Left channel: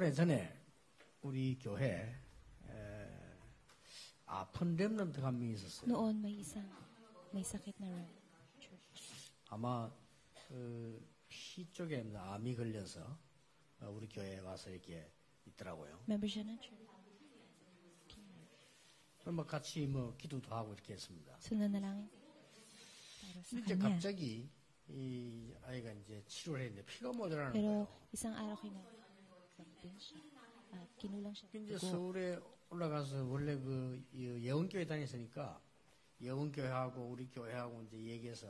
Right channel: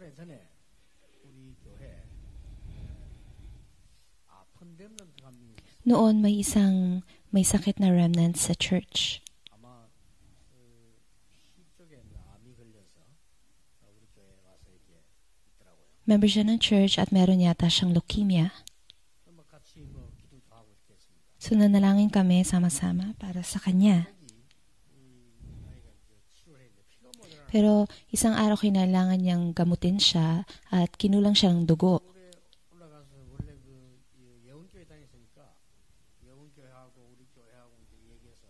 오래전에 우리 교회 아픈 렘넌트가 한 명 있었어요. Noon may sakit na remnant sa church. 아마 피 쪽에 암이 걸려서 우리 교회에 와서 이렇게 있더라고요. Member siya ng church at meron yata siyang leukemia. 그럼 같이 기도도 하고 이렇게 했습니다. So nanalangin kami sama-sama para sa kanya. 갑자기 이 아이가 이제 치료를 했는데 피가 모자라는. Pero isang araw kinailangan niyang gamutin siya at kinulang siya ng dugo. 서울에 올라가서 원래 그 예원교회 다녔으니까 예원교회하고 우리 교회하고 이제 얘기해서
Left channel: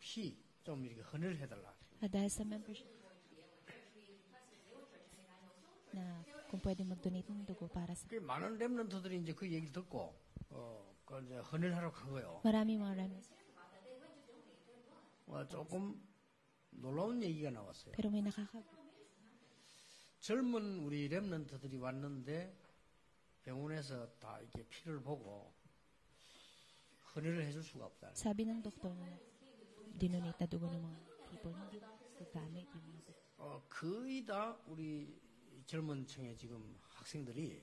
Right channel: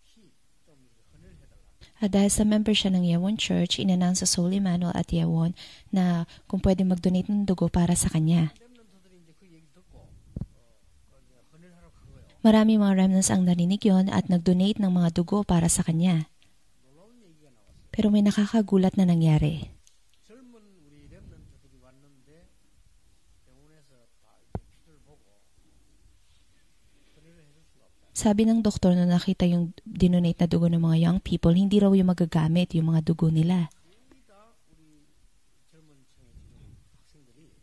피 좀 이렇게 헌을 해달라. At dahil sa member siya ng Yewon Church, inannounce sa Soul Emmanuel at Yewon na kung pwede mag-donate ng dugo para sa kanya. 많은 렘넌트들이 이제 그 얘기를 듣고 이제 헌을 하러 간 거예요. Marami mga remnants ang narinig yon at nag-donate ng mga dugo para sa kanya. 놀라운 얘기가 나왔어요. Pero may nakakagulat na nangyari. 젊은 우리 렘넌트들이 왔는데 병원에서 다 이렇게 피를 보고 헌을 해줄 수가 없다. Sabi ng doktor na nakita yung dinonate na dugo ng mga young people, hindi raw yung magagamit yung mga dugo nila. 거의 다 우리 젊은 층의 지금 학생들이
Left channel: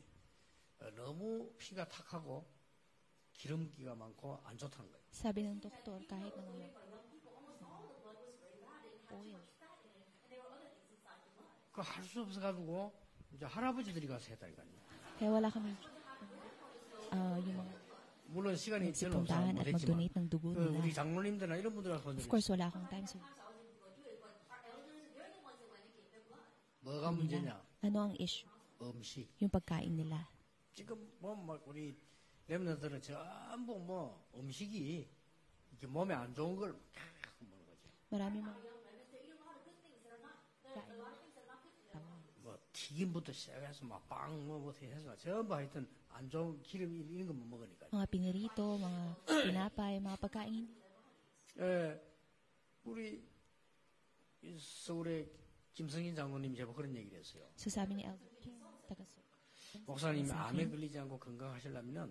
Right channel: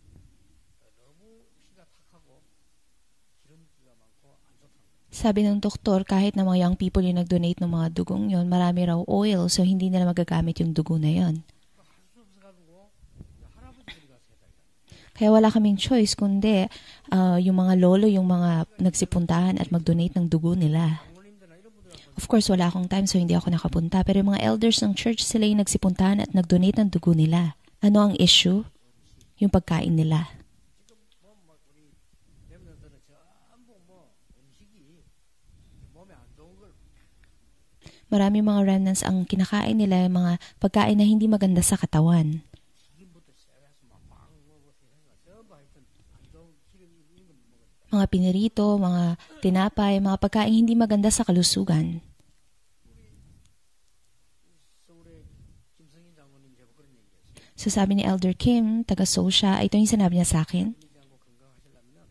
너무 피가 탁하고 기름기가 많고 안 좋다는 거예요. Sabi ng doktor, kahit na mga young people yung nag-donate ng mga dugong yon, marami raw oil, so hindi nila magagamit yung dugo na yon. 그 할 수 없어가지고 이제 할아버지들이 가서 했다니까요. Kaya wala kaming choice kundi yung mga lolo, yung mga nagsipuntahan at mag-donate ng dugo nila. 장로님들이나 이런 분들 와서 Of course, wala akong time so hindi ako nakapunta. Pero yung mga elders ng church, sila yung nagsipuntahan at nag-donate ng dugo nila. Ano ang issue? 음식 Yung pagkain nila. 지금 막 우리 렘넌트들은 전부 음식이 이렇게 몸에 안 좋은 걸 Marami mga remnants ang kinakain nila, yung mga pagkain na hindi maganda sa katawan. 튀김부터 시작해서 막빵 어떻게 해서 전부 하여튼 안 좋은 기름 이런 거 못 먹으니까. Mga pinirito, mga tinapay, mga pagkain hindi maganda sa kalusugan. 우리 서울의 김성인 장로님 제가 그런 얘기를 했어요. So sabi ni Elder Kim, taga Seoul siya, ito yung sinabi niya sa akin. 걸리지 않고 건강하시려면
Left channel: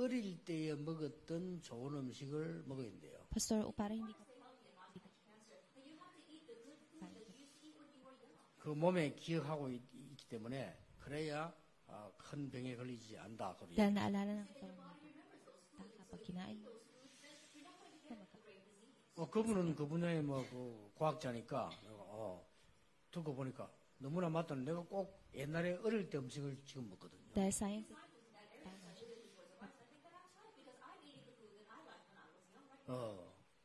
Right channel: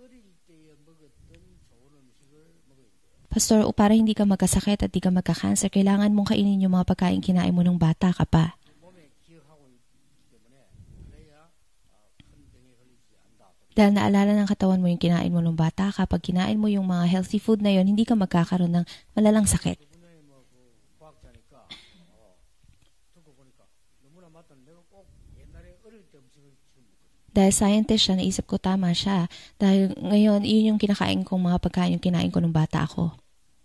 어릴 때에 먹었던 좋은 음식을 먹어야 돼요. Pastor, para hindi ka magkasakit at di ka magka-cancer, kailangan mong kainin yung mga pagkain kinain mo nung bata ka pa. 그 몸에 기억하고 있기 때문에 그래야 큰 병에 걸리지 않다. Dahil naalala ng katawan mo yung kinain mo nung bata ka, pag kinain mo yung mga healthy food na yon, hindi ka magkakaroon ng malalang sakit. 그 분야의 그 과학자니까 듣고 보니까 너무나 맞던 내가 꼭 옛날에 어릴 때 음식을 지금 먹거든. Dahil scientist siya, naisip ko tama siya. Dahil ngayon, yun yung kinakain kong mga pagkain yung kinain ko nung bata ako.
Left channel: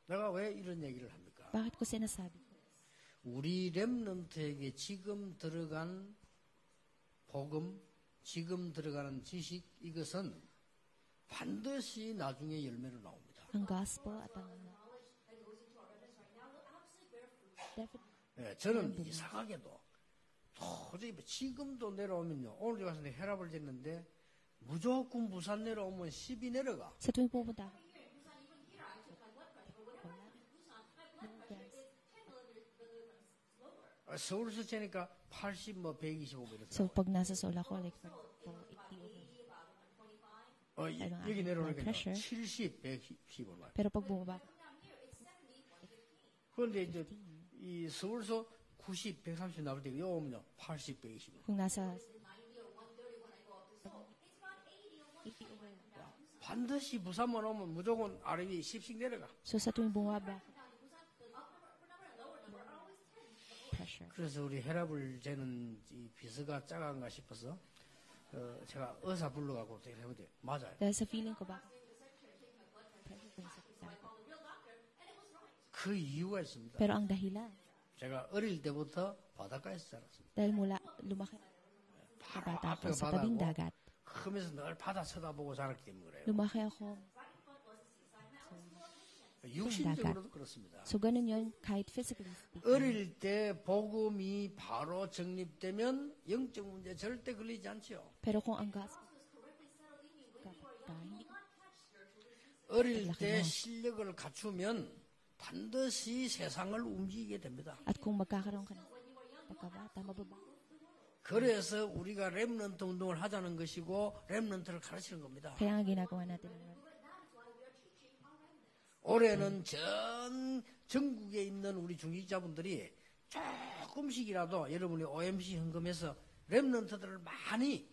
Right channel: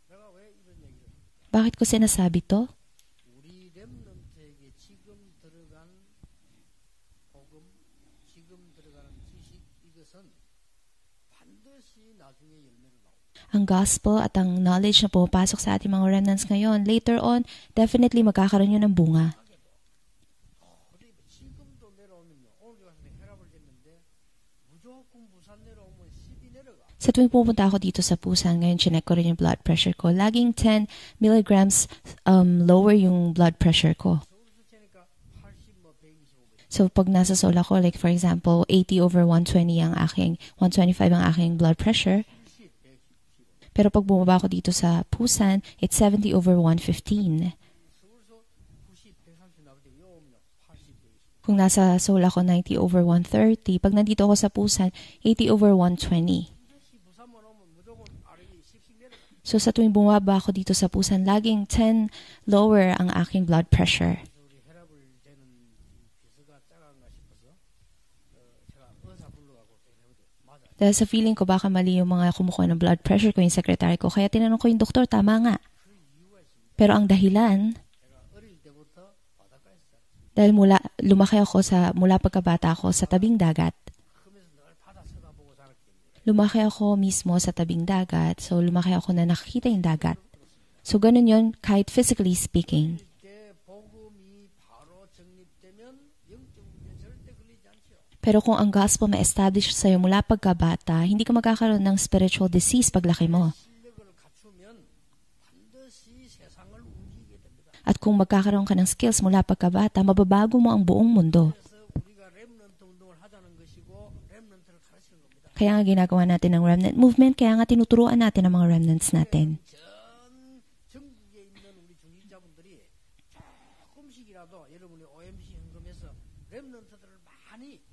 내가 왜 이런 얘기를 합니까? Bakit ko sinasabi to? 우리 렘넌트에게 지금 들어간 복음, 지금 들어가는 지식 이것은 반드시 나중에 열매로 나옵니다. Ang gospel at ang knowledge na pumapasok sa ating mga remnants ngayon, later on, definitely magkakaroon yun ng bunga. 이상하게도 도저히 지금도 내려오면요. 오늘 가서 혈압을 쟀는데 무조건 부산 내려오면 10이 내려가. Sa tuwing pupunta ako dito sa Busan, ngayon chinek ko rin yung blood pressure ko. Laging 10 milligrams lower yung blood pressure ko. 서울에서 재니까 80, 125. So pag nasa Seoul ako, like for example, 80/120 ang aking, 125 ang aking blood pressure. 70, 115. Pero pag bumaba ako dito sa Busan, it's 70/115. 이 서울에서 90, 130 나올 때 여기 오면요. 80, 125. Kung nasa Seoul ako, 90/130. Pag nandito ako sa Busan, 80/120. 반드시 부산만 오면 무조건 아래위 10씩 내려가. So sa tuwing bumaba ako dito sa Busan, laging 10 lower ang aking blood pressure. 그래서 우리 혈압을 재는 이 비서가 작은가 싶어서 제가 의사 불러가고 해보대. 맞아요. Dahil sa feeling ko baka mali yung mga kumukuha ng blood pressure ko, yung secretary ko. Kaya tinanong ko yung doktor, tama nga. 그 이유가 있습니다. Pero ang dahilan, 제가 어릴 때부터 바닷가에서 자랐습니다. dahil lumaki ako mula pagkabata ako sa tabing dagat. 크면서 늘 바다 쳐다보고 자랐기 때문에 그래요. Lumaki ako mismo sa tabing dagat. So lumaki ako na nakikita yung dagat. 그렇습니다. So ganun yun, kahit physically speaking. 어릴 때 복음이 바로 정립되면 영적 문제 절대 걸리지 않죠. Pero kung ang gospel ma-establish sa'yo mula pagkabata, hindi ka magkakaroon ng spiritual disease paglaki mo. 실력을 갖추면 반드시 세상을 움직이게 됩니다. At kung magkakaroon ka ng skills mula pagkabata, mababago mo ang buong mundo. 그래서 우리가 렘넌트 운동을 하자는 것이고 렘넌트를 가르치는 겁니다. Kaya nga ginagawa natin ng remnant movement, kaya nga tinuturuan natin ang mga remnants natin. 올해는 전 전국에 있는 우리 중직자분들이 조금씩이라도 여러분이 OMC 헌금해서 렘넌트들을 많이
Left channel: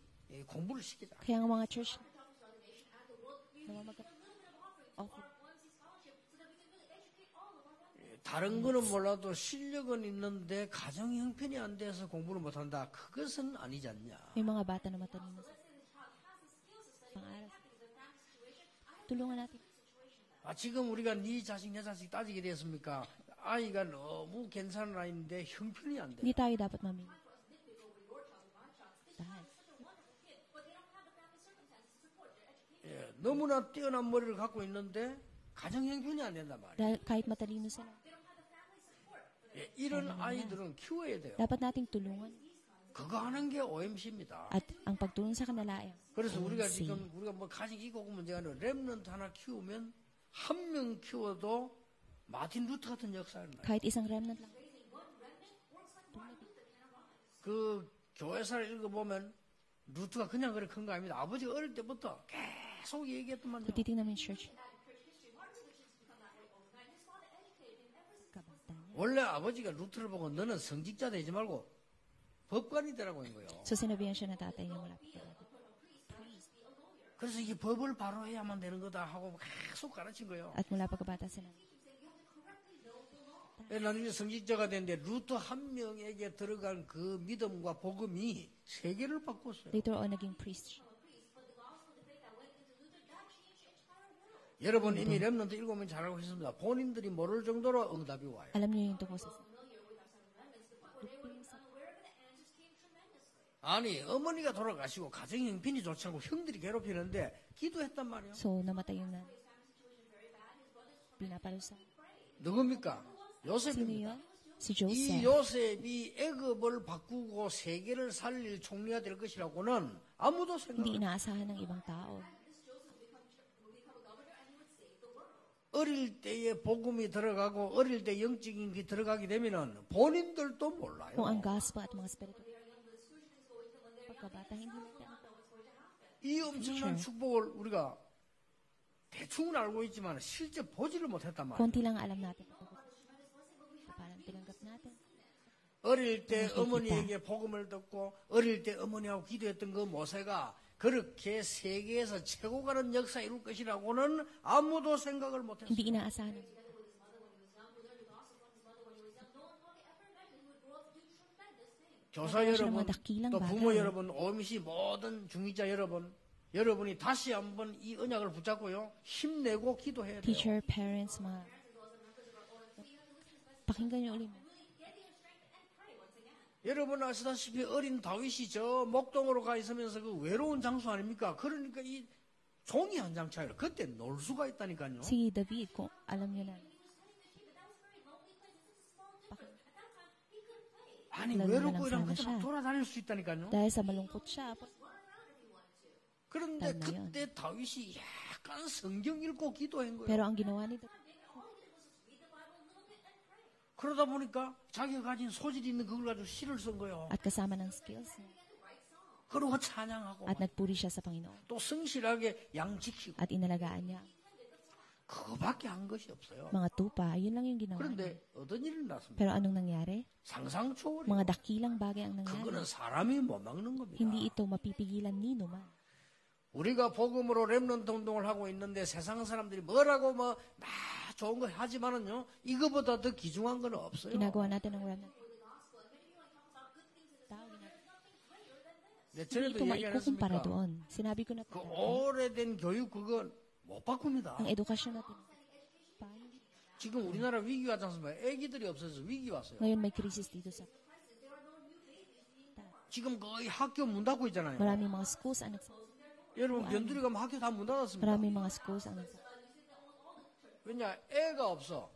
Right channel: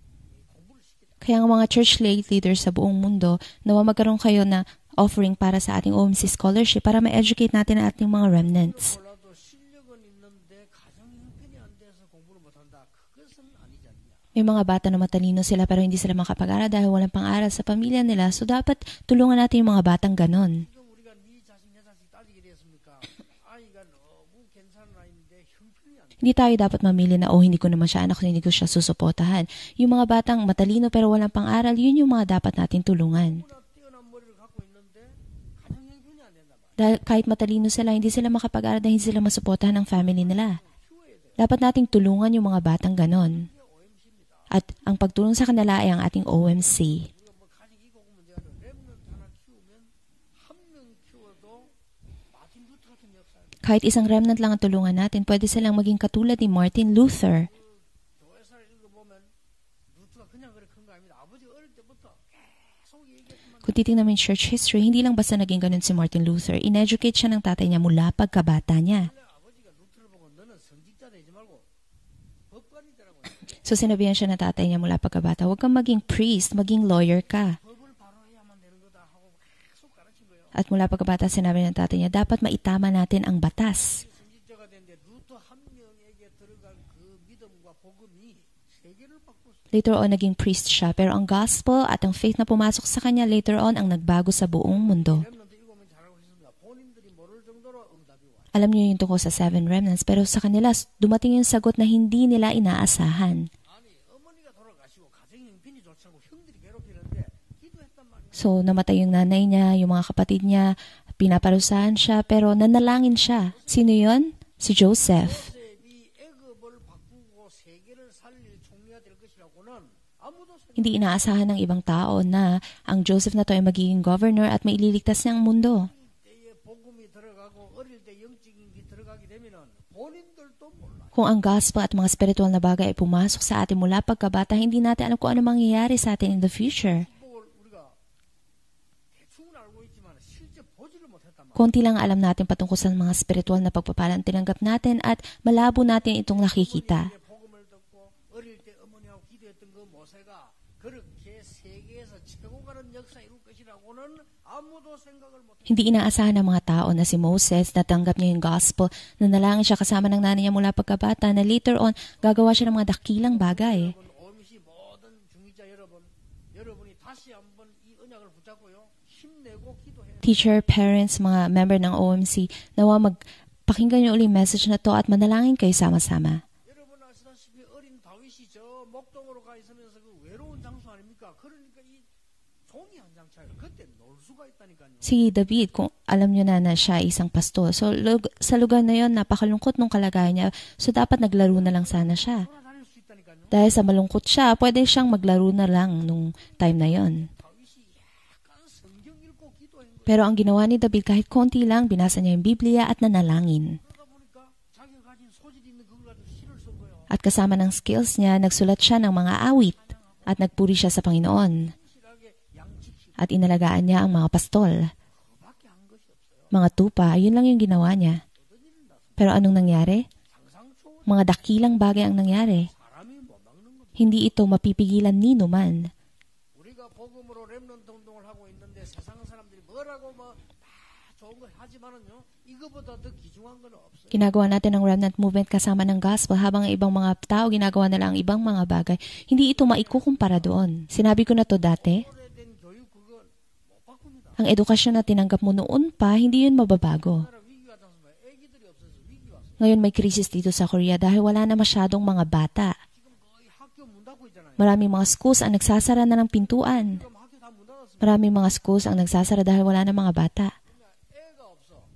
공부를 시키자. Kaya ang mga church leaders sa buong mundo, nawa magkaroon kayo na offering para sa ating OMC scholarship para ma-educate natin ang ating mga 다른 거는 remnants. 몰라도 실력은 있는데 가정 형편이 안 돼서 공부를 못한다. 그것은 아니지 않냐. May mga bata na matalino sila pero hindi sila makapag-aral dahil walang pang-aral sa pamilya nila. So dapat tulungan natin yung mga batang ganon. 지금 우리가 네 자식 내 자식 따지게 됐습니까? 아이가 너무 괜찮은 아이인데 형편이 안 돼. Hindi tayo dapat mamili na, hindi ko naman siya anak, hindi ko siya susuportahan. Yung mga batang matalino pero walang pang-aral, yun yung mga dapat natin tulungan. 너무나 뛰어난 머리를 갖고 있는데 가정 형편이 안 된단 말이야. Dahil kahit matalino sila, hindi sila makapag-aral dahil hindi sila masuportahan ng family nila. 아이들은 키워야 돼요. Dapat nating tulungan yung mga batang ganon. 하는 게 OMC입니다. At ang pagtulong sa kanila ay ang ating OMC. 우리가 뭐 가정 이고 문제가 아니라 렘넌트 하나 키우면 한 명 키워도 마틴 루터 같은 역사를. Kahit isang remnant lang ang tulungan natin, pwede silang maging katulad ni Martin Luther. 그 교회사를 읽어보면 루트가 그냥 그래 큰 거 아닙니다. 아버지가 어릴 때부터 계속 얘기했더만. Kung titingnan mo yung church history, hindi lang basta naging ganun si Martin Luther. In-educate siya ng tatay niya mula pagkabata niya. 원래 아버지가 루트를 보고 너는 성직자 되지 말고 법관이 되라고 한 거예요. So sinabihan siya ng tatay niya mula pagkabata, huwag kang maging priest, maging lawyer 그래서 ka. 법을 바로 해야만 되는 거다 하고 계속 가르친 거예요. At mula pagkabata, sinabi ng tatay niya, dapat maitama natin ang batas. 나중에 성직자가 됐는데 루트 한 명에게 들어간 그 믿음과 복음이 세계를 바꿨어요. Later on, naging priest siya. Pero ang gospel at ang faith na pumasok sa kanya later on ang nagbago sa buong 여러분 mundo. 이 렘넌트 7명 잘하고 있습니다. 본인들이 모를 정도로 응답이 와요. Alam niyo yung tungkol sa 7 remnants, pero sa kanila, dumating yung sagot na hindi nila inaasahan. 아니 어머니가 돌아가시고 가정 형편이 좋지 않고 형들이 괴롭히는데 기도했단 말이에요. So, namatay yung nanay niya, yung mga kapatid niya, pinaparusahan siya, pero nanalangin siya. Sino yon? Si Joseph. 요셉이 애굽을 바꾸고 세계를 살릴 총리가 될 것이라고는 아무도 생각. Hindi inaasahan ng ibang tao na ang Joseph na to ay magiging governor at maililigtas niya ang mundo. 어릴 때에 복음이 들어가고 어릴 때 영적인 게 들어가게 되면은 본인들도 몰라요. Kung ang gospel at mga spiritual na bagay ay pumasok sa atin mula pagkabata, hindi natin alam kung ano mangyayari sa atin in the future. 축복을 우리가 대충은 알고 있지만 실제 보지를 못했단 말이에요. Konti lang alam natin patungkol sa mga spiritual na pagpapalang tinanggap natin at malabo natin itong nakikita. 어머니에게 복음을 듣고 어릴 때 어머니하고 기도했던 그 모세가 그렇게 세계에서 최고 가는 역사 이룰 것이라고는 아무도 생각을 못했어요. Hindi inaasahan ng mga tao na si Moses, natanggap niya yung gospel, nanalangin siya kasama ng nanay niya mula pagkabata, na later on, gagawa siya ng mga dakilang bagay. 여러분, OMC 모든 중위자 여러분, 여러분이 다시 한번 이 언약을 붙잡고요, 힘내고 기도해야 돼요. Teacher, parents, mga member ng OMC, nawa magpakinggan niyo ulit yung message na to at manalangin kayo sama-sama. 여러분 아시다시피 어린 다윗이 저 목동으로 가 있으면서 그 외로운 장소 아닙니까? 그러니까 이 종이 한 장 차이로 그때 놀 수가 있다니까요. Si David, kung alam niyo na siya ay isang pastor, so sa lugar na yon napakalungkot nung kalagayan niya, so dapat naglaro na lang sana siya. 돌아다닐 수 있다니까요. Dahil sa malungkot siya, pwede siyang maglaro na lang nung time na yon. 근데 다윗이 약간 성경 읽고 기도한 거예요. Pero ang ginawa ni David, kahit konti lang, binasa niya yung Biblia at nanalangin. 그러다 보니까 자기가 가진 소질이 있는 그걸 가지고 시를 쓴 거예요. At kasama ng skills niya, nagsulat siya ng mga awit 찬양하고 at nagpuri siya sa 또 Panginoon. 성실하게 양 지키고 At inalagaan niya ang mga pastol. 그거밖에 한 것이 없어요. Mga tupa, yun lang yung ginawa niya. 어떤 일이 났습니까? Pero anong nangyari? 상상 초월. Mga dakilang bagay ang nangyari. 사람이 못 막는 겁니다. Hindi ito mapipigilan ni numan. 우리가 복음으로 렘넌트 운동을 하고 있는데 세상 사람들이 뭐라고 뭐 좋은 거 하지만은요, 이거보다 더 귀중한 건 없어요. Ginagawa natin ang remnant movement kasama ng gospel habang ang ibang mga tao ginagawa nila ang ibang mga bagay. Hindi ito maikukumpara doon. Sinabi ko na to dati, 오래된 교육 그건 못 바꿉니다. ang edukasyon na tinanggap mo noon pa, hindi yun mababago. 우리나라 위기 왔지 않습니까? 애기들이 없어서 위기 왔어요. Ngayon may krisis dito sa Korea dahil wala na masyadong mga bata. 지금 거의 학교 문 닫고 있잖아요. Maraming mga schools ang nagsasara na ng pintuan. 애들이 가면 학교 다 문 닫았습니다. Maraming mga schools ang nagsasara dahil wala na mga bata. 왜냐, 애가 없어.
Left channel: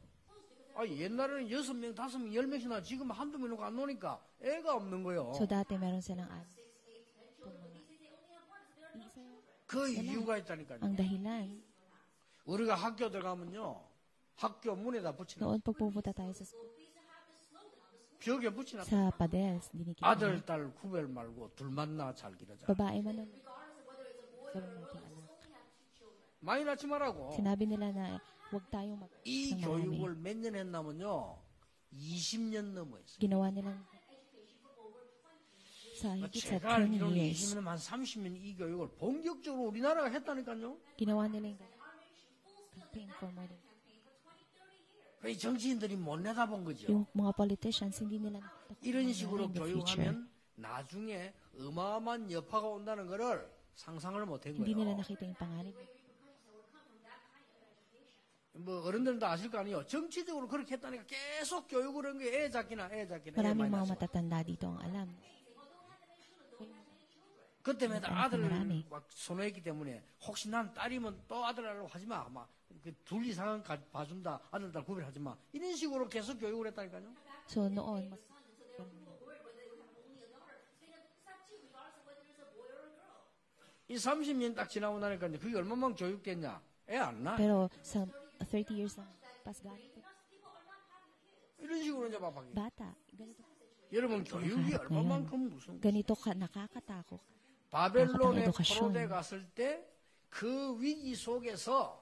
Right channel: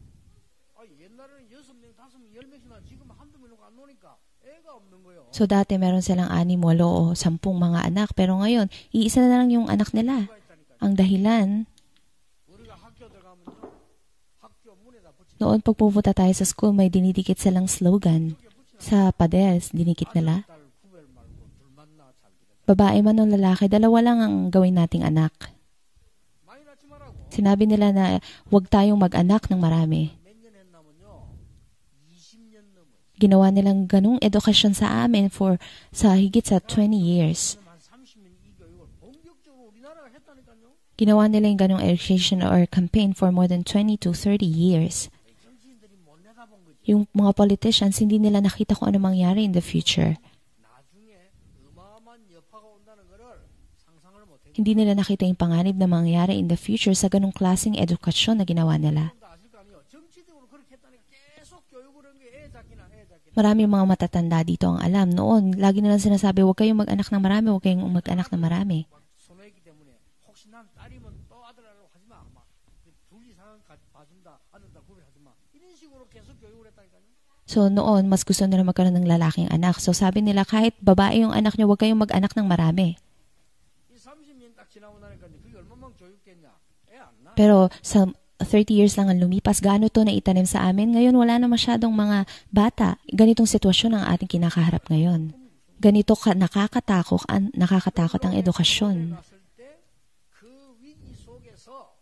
옛날에는 6명, 5명, 10명씩 나 지금 한두 명 놓고 안 노니까 애가 없는 거예요. So dati meron silang 6, 8 o 10 mga anak, pero ngayon, iisa na lang yung anak nila. 이유가 있다니까요. Ang dahilan, 우리가 학교 들어가면요, 학교 문에다 붙이는 noon pag pupunta tayo sa school, may dinidikit silang slogan. 벽에 붙이는 Sa pader, dinikit 아들, nila. 딸 구별 말고 둘만 낳아 잘 기르자. Babae man o lalaki, dalawa lang ang gawin nating anak. 많이 낳지 말라고. Sinabi nila na huwag tayong mag-anak ng marami. 몇년 했나면요, 20년 넘어 있어요. Ginawa nilang ganung edukasyon sa amin sa higit sa 20 years. 지금 한 30년 이 교육을 본격적으로 우리나라가 했다니까요. Ginawa nila yung ganung education or campaign for more than 20 to 30 years. 이 정치인들이 못 내다본 거죠. Yung mga politicians, hindi nila nakita kung ano mangyari in the future. 나중에 어마어마한 여파가 온다는 거를 상상을 못 한 Hindi 거예요. nila nakita yung panganib na mangyari in the future sa ganung klaseng edukasyon na ginawa nila. 어른들도 아실 거 아니에요. 정치적으로 그렇게 했다니까 계속 교육을 한 게 애 잡기나 애 잡기나. Maraming mga matatanda dito ang alam. Noon, lagi nilang sinasabi, huwag kayong mag-anak ng marami, huwag kayong mag-anak ng marami. 막 선호했기 때문에 혹시 난 딸이면 또 아들 하려고 하지 마. 막둘 이상은 봐준다. 아들 딸 구별하지 마. 이런 식으로 계속 교육을 했다니까요. So noon, mas gusto nila magkaroon ng lalaking anak. So sabi nila, kahit babae yung anak nyo, huwag kayong mag-anak ng marami. 이 30년 딱 지나고 나니까 그게 얼마만 교육됐냐? 애 안 나. Pero sa 30 years lang ang lumipas, gaano to na itanim sa amin? Ngayon, wala na masyadong mga bata. Ganitong sitwasyon ang ating kinakaharap ngayon. Ganito nakakatakot ang edukasyon. 갔을 때 그 위기 속에서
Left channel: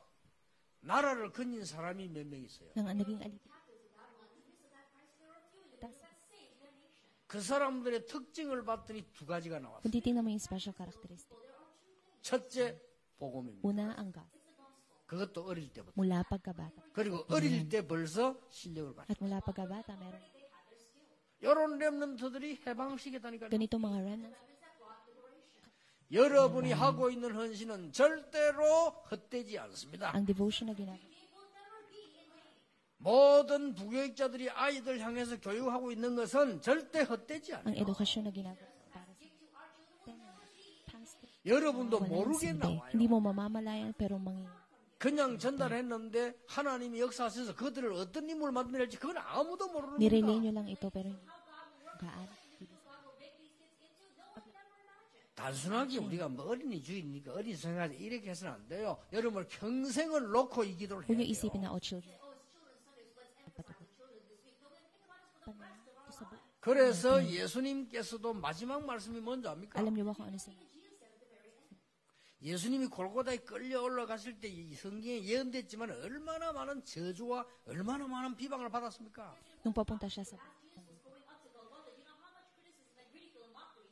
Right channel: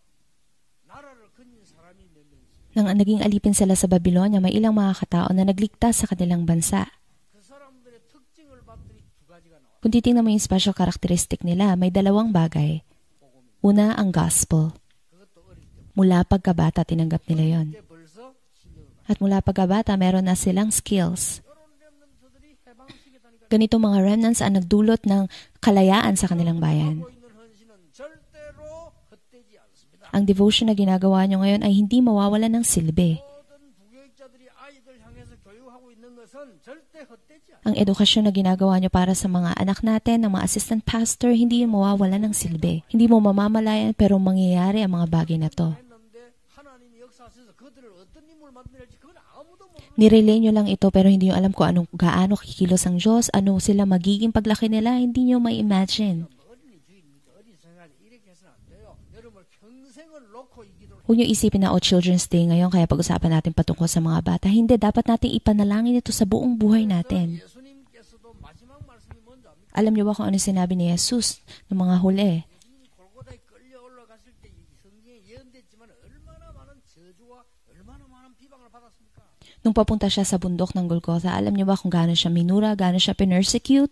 나라를 건진 사람이 몇 명 있어요. Nang naging alipin sila sa Babylonia, may ilang mga katao na nagligtas sa kanilang bansa. 그 사람들의 특징을 봤더니 두 가지가 나왔어요. Kung titingnan mo yung special characteristic nila, may dalawang bagay. 복음입니다. Una, ang gospel. 그것도 어릴 때부터. Mula pagkabata, tinanggap 그리고 nila 어릴 yon. 때 벌써 실력을 받았어요. At mula pagkabata, meron na silang skills. 이런 렘넌트들이 해방시켰다니까요. Ganito mga remnants ang nagdulot ng kalayaan sa kanilang 여러분이 bayan. 하고 있는 헌신은 절대로 헛되지 않습니다. Ang devotion na ginagawa nyo ngayon ay hindi mawawala ng silbi. 모든 부교육자들이 아이들 향해서 교육하고 있는 것은 절대 헛되지 않아요. Ang edukasyon na ginagawa nyo para sa mga anak natin, ng mga assistant pastor, hindi yung mawawala ng silbi. Hindi mo mamamalayan pero mangyayari ang mga bagay na 그냥 to. 전달했는데 하나님이 역사하셔서 그들을 어떤 인물을 만들지 그건 아무도 모르는 Nirelay nyo lang ito pero hindi nyo alam kung gaano kikilos ang Diyos, ano sila magiging paglaki nila, hindi nyo ma-imagine. 우리가 뭐 어린이 주의니까 어린 생활에 이렇게 해서는 안 돼요. 여러분을 평생을 놓고 이 기도를 Huwag nyo isipin na Children's Day ngayon kaya pag-usapan natin patungkol sa mga bata. Hindi, dapat natin ipanalangin ito sa buong buhay 그래서 natin. 예수님께서도 마지막 말씀이 뭔지 압니까? Alam nyo ba kung ano sinabi ni Jesus ng mga huli? 예수님이 골고다에 끌려 올라가실 때 이 성경에 예언됐지만 얼마나 많은 저주와 얼마나 많은 비방을 받았습니까? Nung papunta siya sa bundok ng Golgotha, alam nyo ba kung gaano siya minura, gaano siya pinersecute?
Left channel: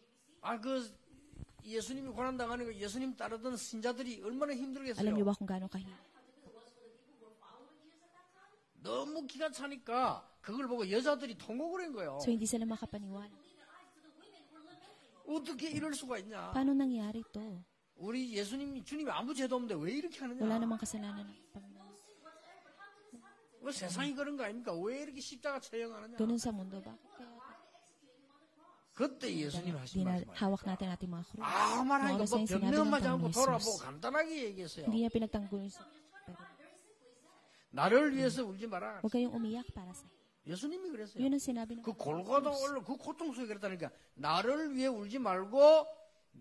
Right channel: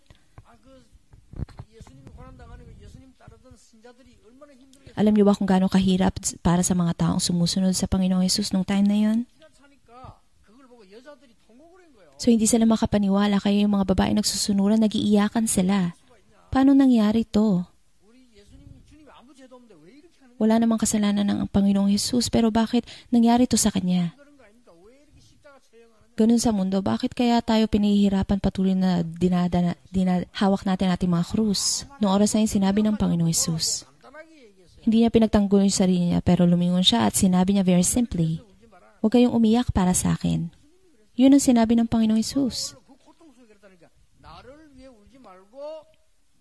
예수님이 고난당하는 거 예수님 따르던 신자들이 얼마나 힘들겠어요? Alam nyo ba kung gaano kahirap para sa mga taong sumusunod sa Panginoong Jesus nung time na yun? 너무 기가 차니까 그걸 보고 여자들이 통곡을 한 거예요. So hindi sila makapaniwala, kaya yung mga babae nagsusunuran, nagiiyakan sila. 이럴 수가 있냐? Paano nangyari to? 우리 주님이 아무 죄도 없는데 왜 이렇게 하느냐? Wala namang kasalanan ng Panginoong Jesus, pero bakit nangyari to sa Kanya? 세상이 그런 거 아닙니까? 왜 이렇게 십자가 처형하느냐? Ganun sa mundo, bakit kaya tayo pinahihirapan patuloy na hawak natin ating mga krus? Noong oras na yun, sinabi ng Panginoong Jesus. 간단하게 얘기했어요. Hindi niya pinagtanggol yung sarili niya, pero lumingon siya at sinabi niya very 나를 simply, 위해서 울지 마라. huwag kayong umiyak para sa akin. 예수님이 그랬어요. Yun ang sinabi ng Panginoong Jesus. 그 고통 속에 그랬다니까. 나를 위해 울지 말고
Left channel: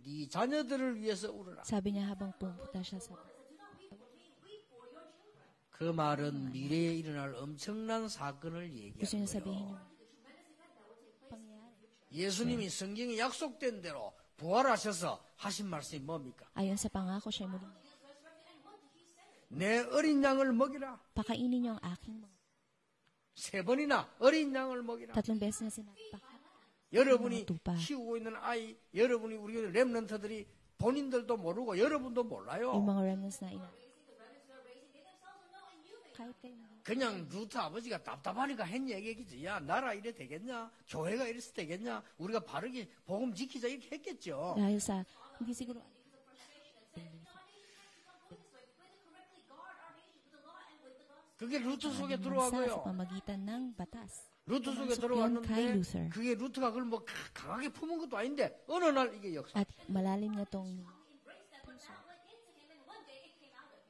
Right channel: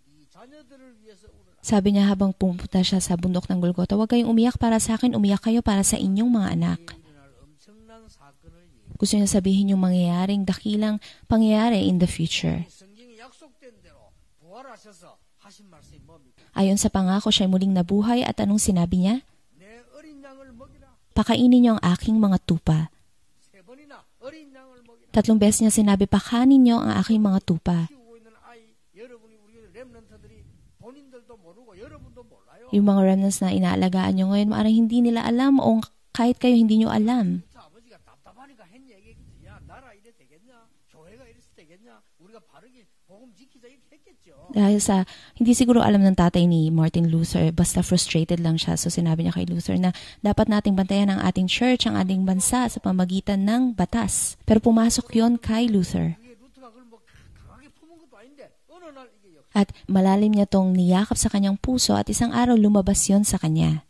네 자녀들을 위해서 울어라. Sabi niya habang pumunta siya sa bundok ng Golgotha, huwag kayong umiyak para sa akin, umiyak kayo para sa inyong mga anak. 일어날 엄청난 사건을 얘기. Gusto niya sabihin yung mangyayaring dakilang pangyayari in the future. 예수님이 성경에 약속된 대로 부활하셔서 하신 말씀이 뭡니까? Ayon sa pangako, siya muling nabuhay at anong sinabi niya? 내 어린 양을 먹이라. Pakainin niyo ang aking mga tupa. 3번이나 어린 양을 먹이라. 3 beses niya sinabi, pakainin niyo ang aking mga tupa. 키우고 있는 아이, 여러분이 우리 렘넌트들이 본인들도 모르고 여러분도 몰라요. Yung mga remnants na inaalagaan niyo ngayon, maaaring hindi nila alam o kahit kayo hindi niyo alam. 루트 아버지가 답답하니까 한 얘기겠지. 야, 나라 이래 되겠냐? 교회가 이래서 되겠냐? 우리가 바르게 복음 지키자 이렇게 했겠죠. Dahil sa, hindi siguro alam ng tatay ni Martin Luther, basta frustrated lang siya. So sinabi niya kay Luther na dapat nating bantayan ang ating church, ang ating bansa sa pamagitan ng batas. Pero pumasok yon kay Luther. 그게 루트가 그걸 뭐 강하게 품은 것도 아닌데 어느 날 이게 역사. At malalim niya tong niyakap sa kanyang puso at isang araw lumabas yon sa kanya.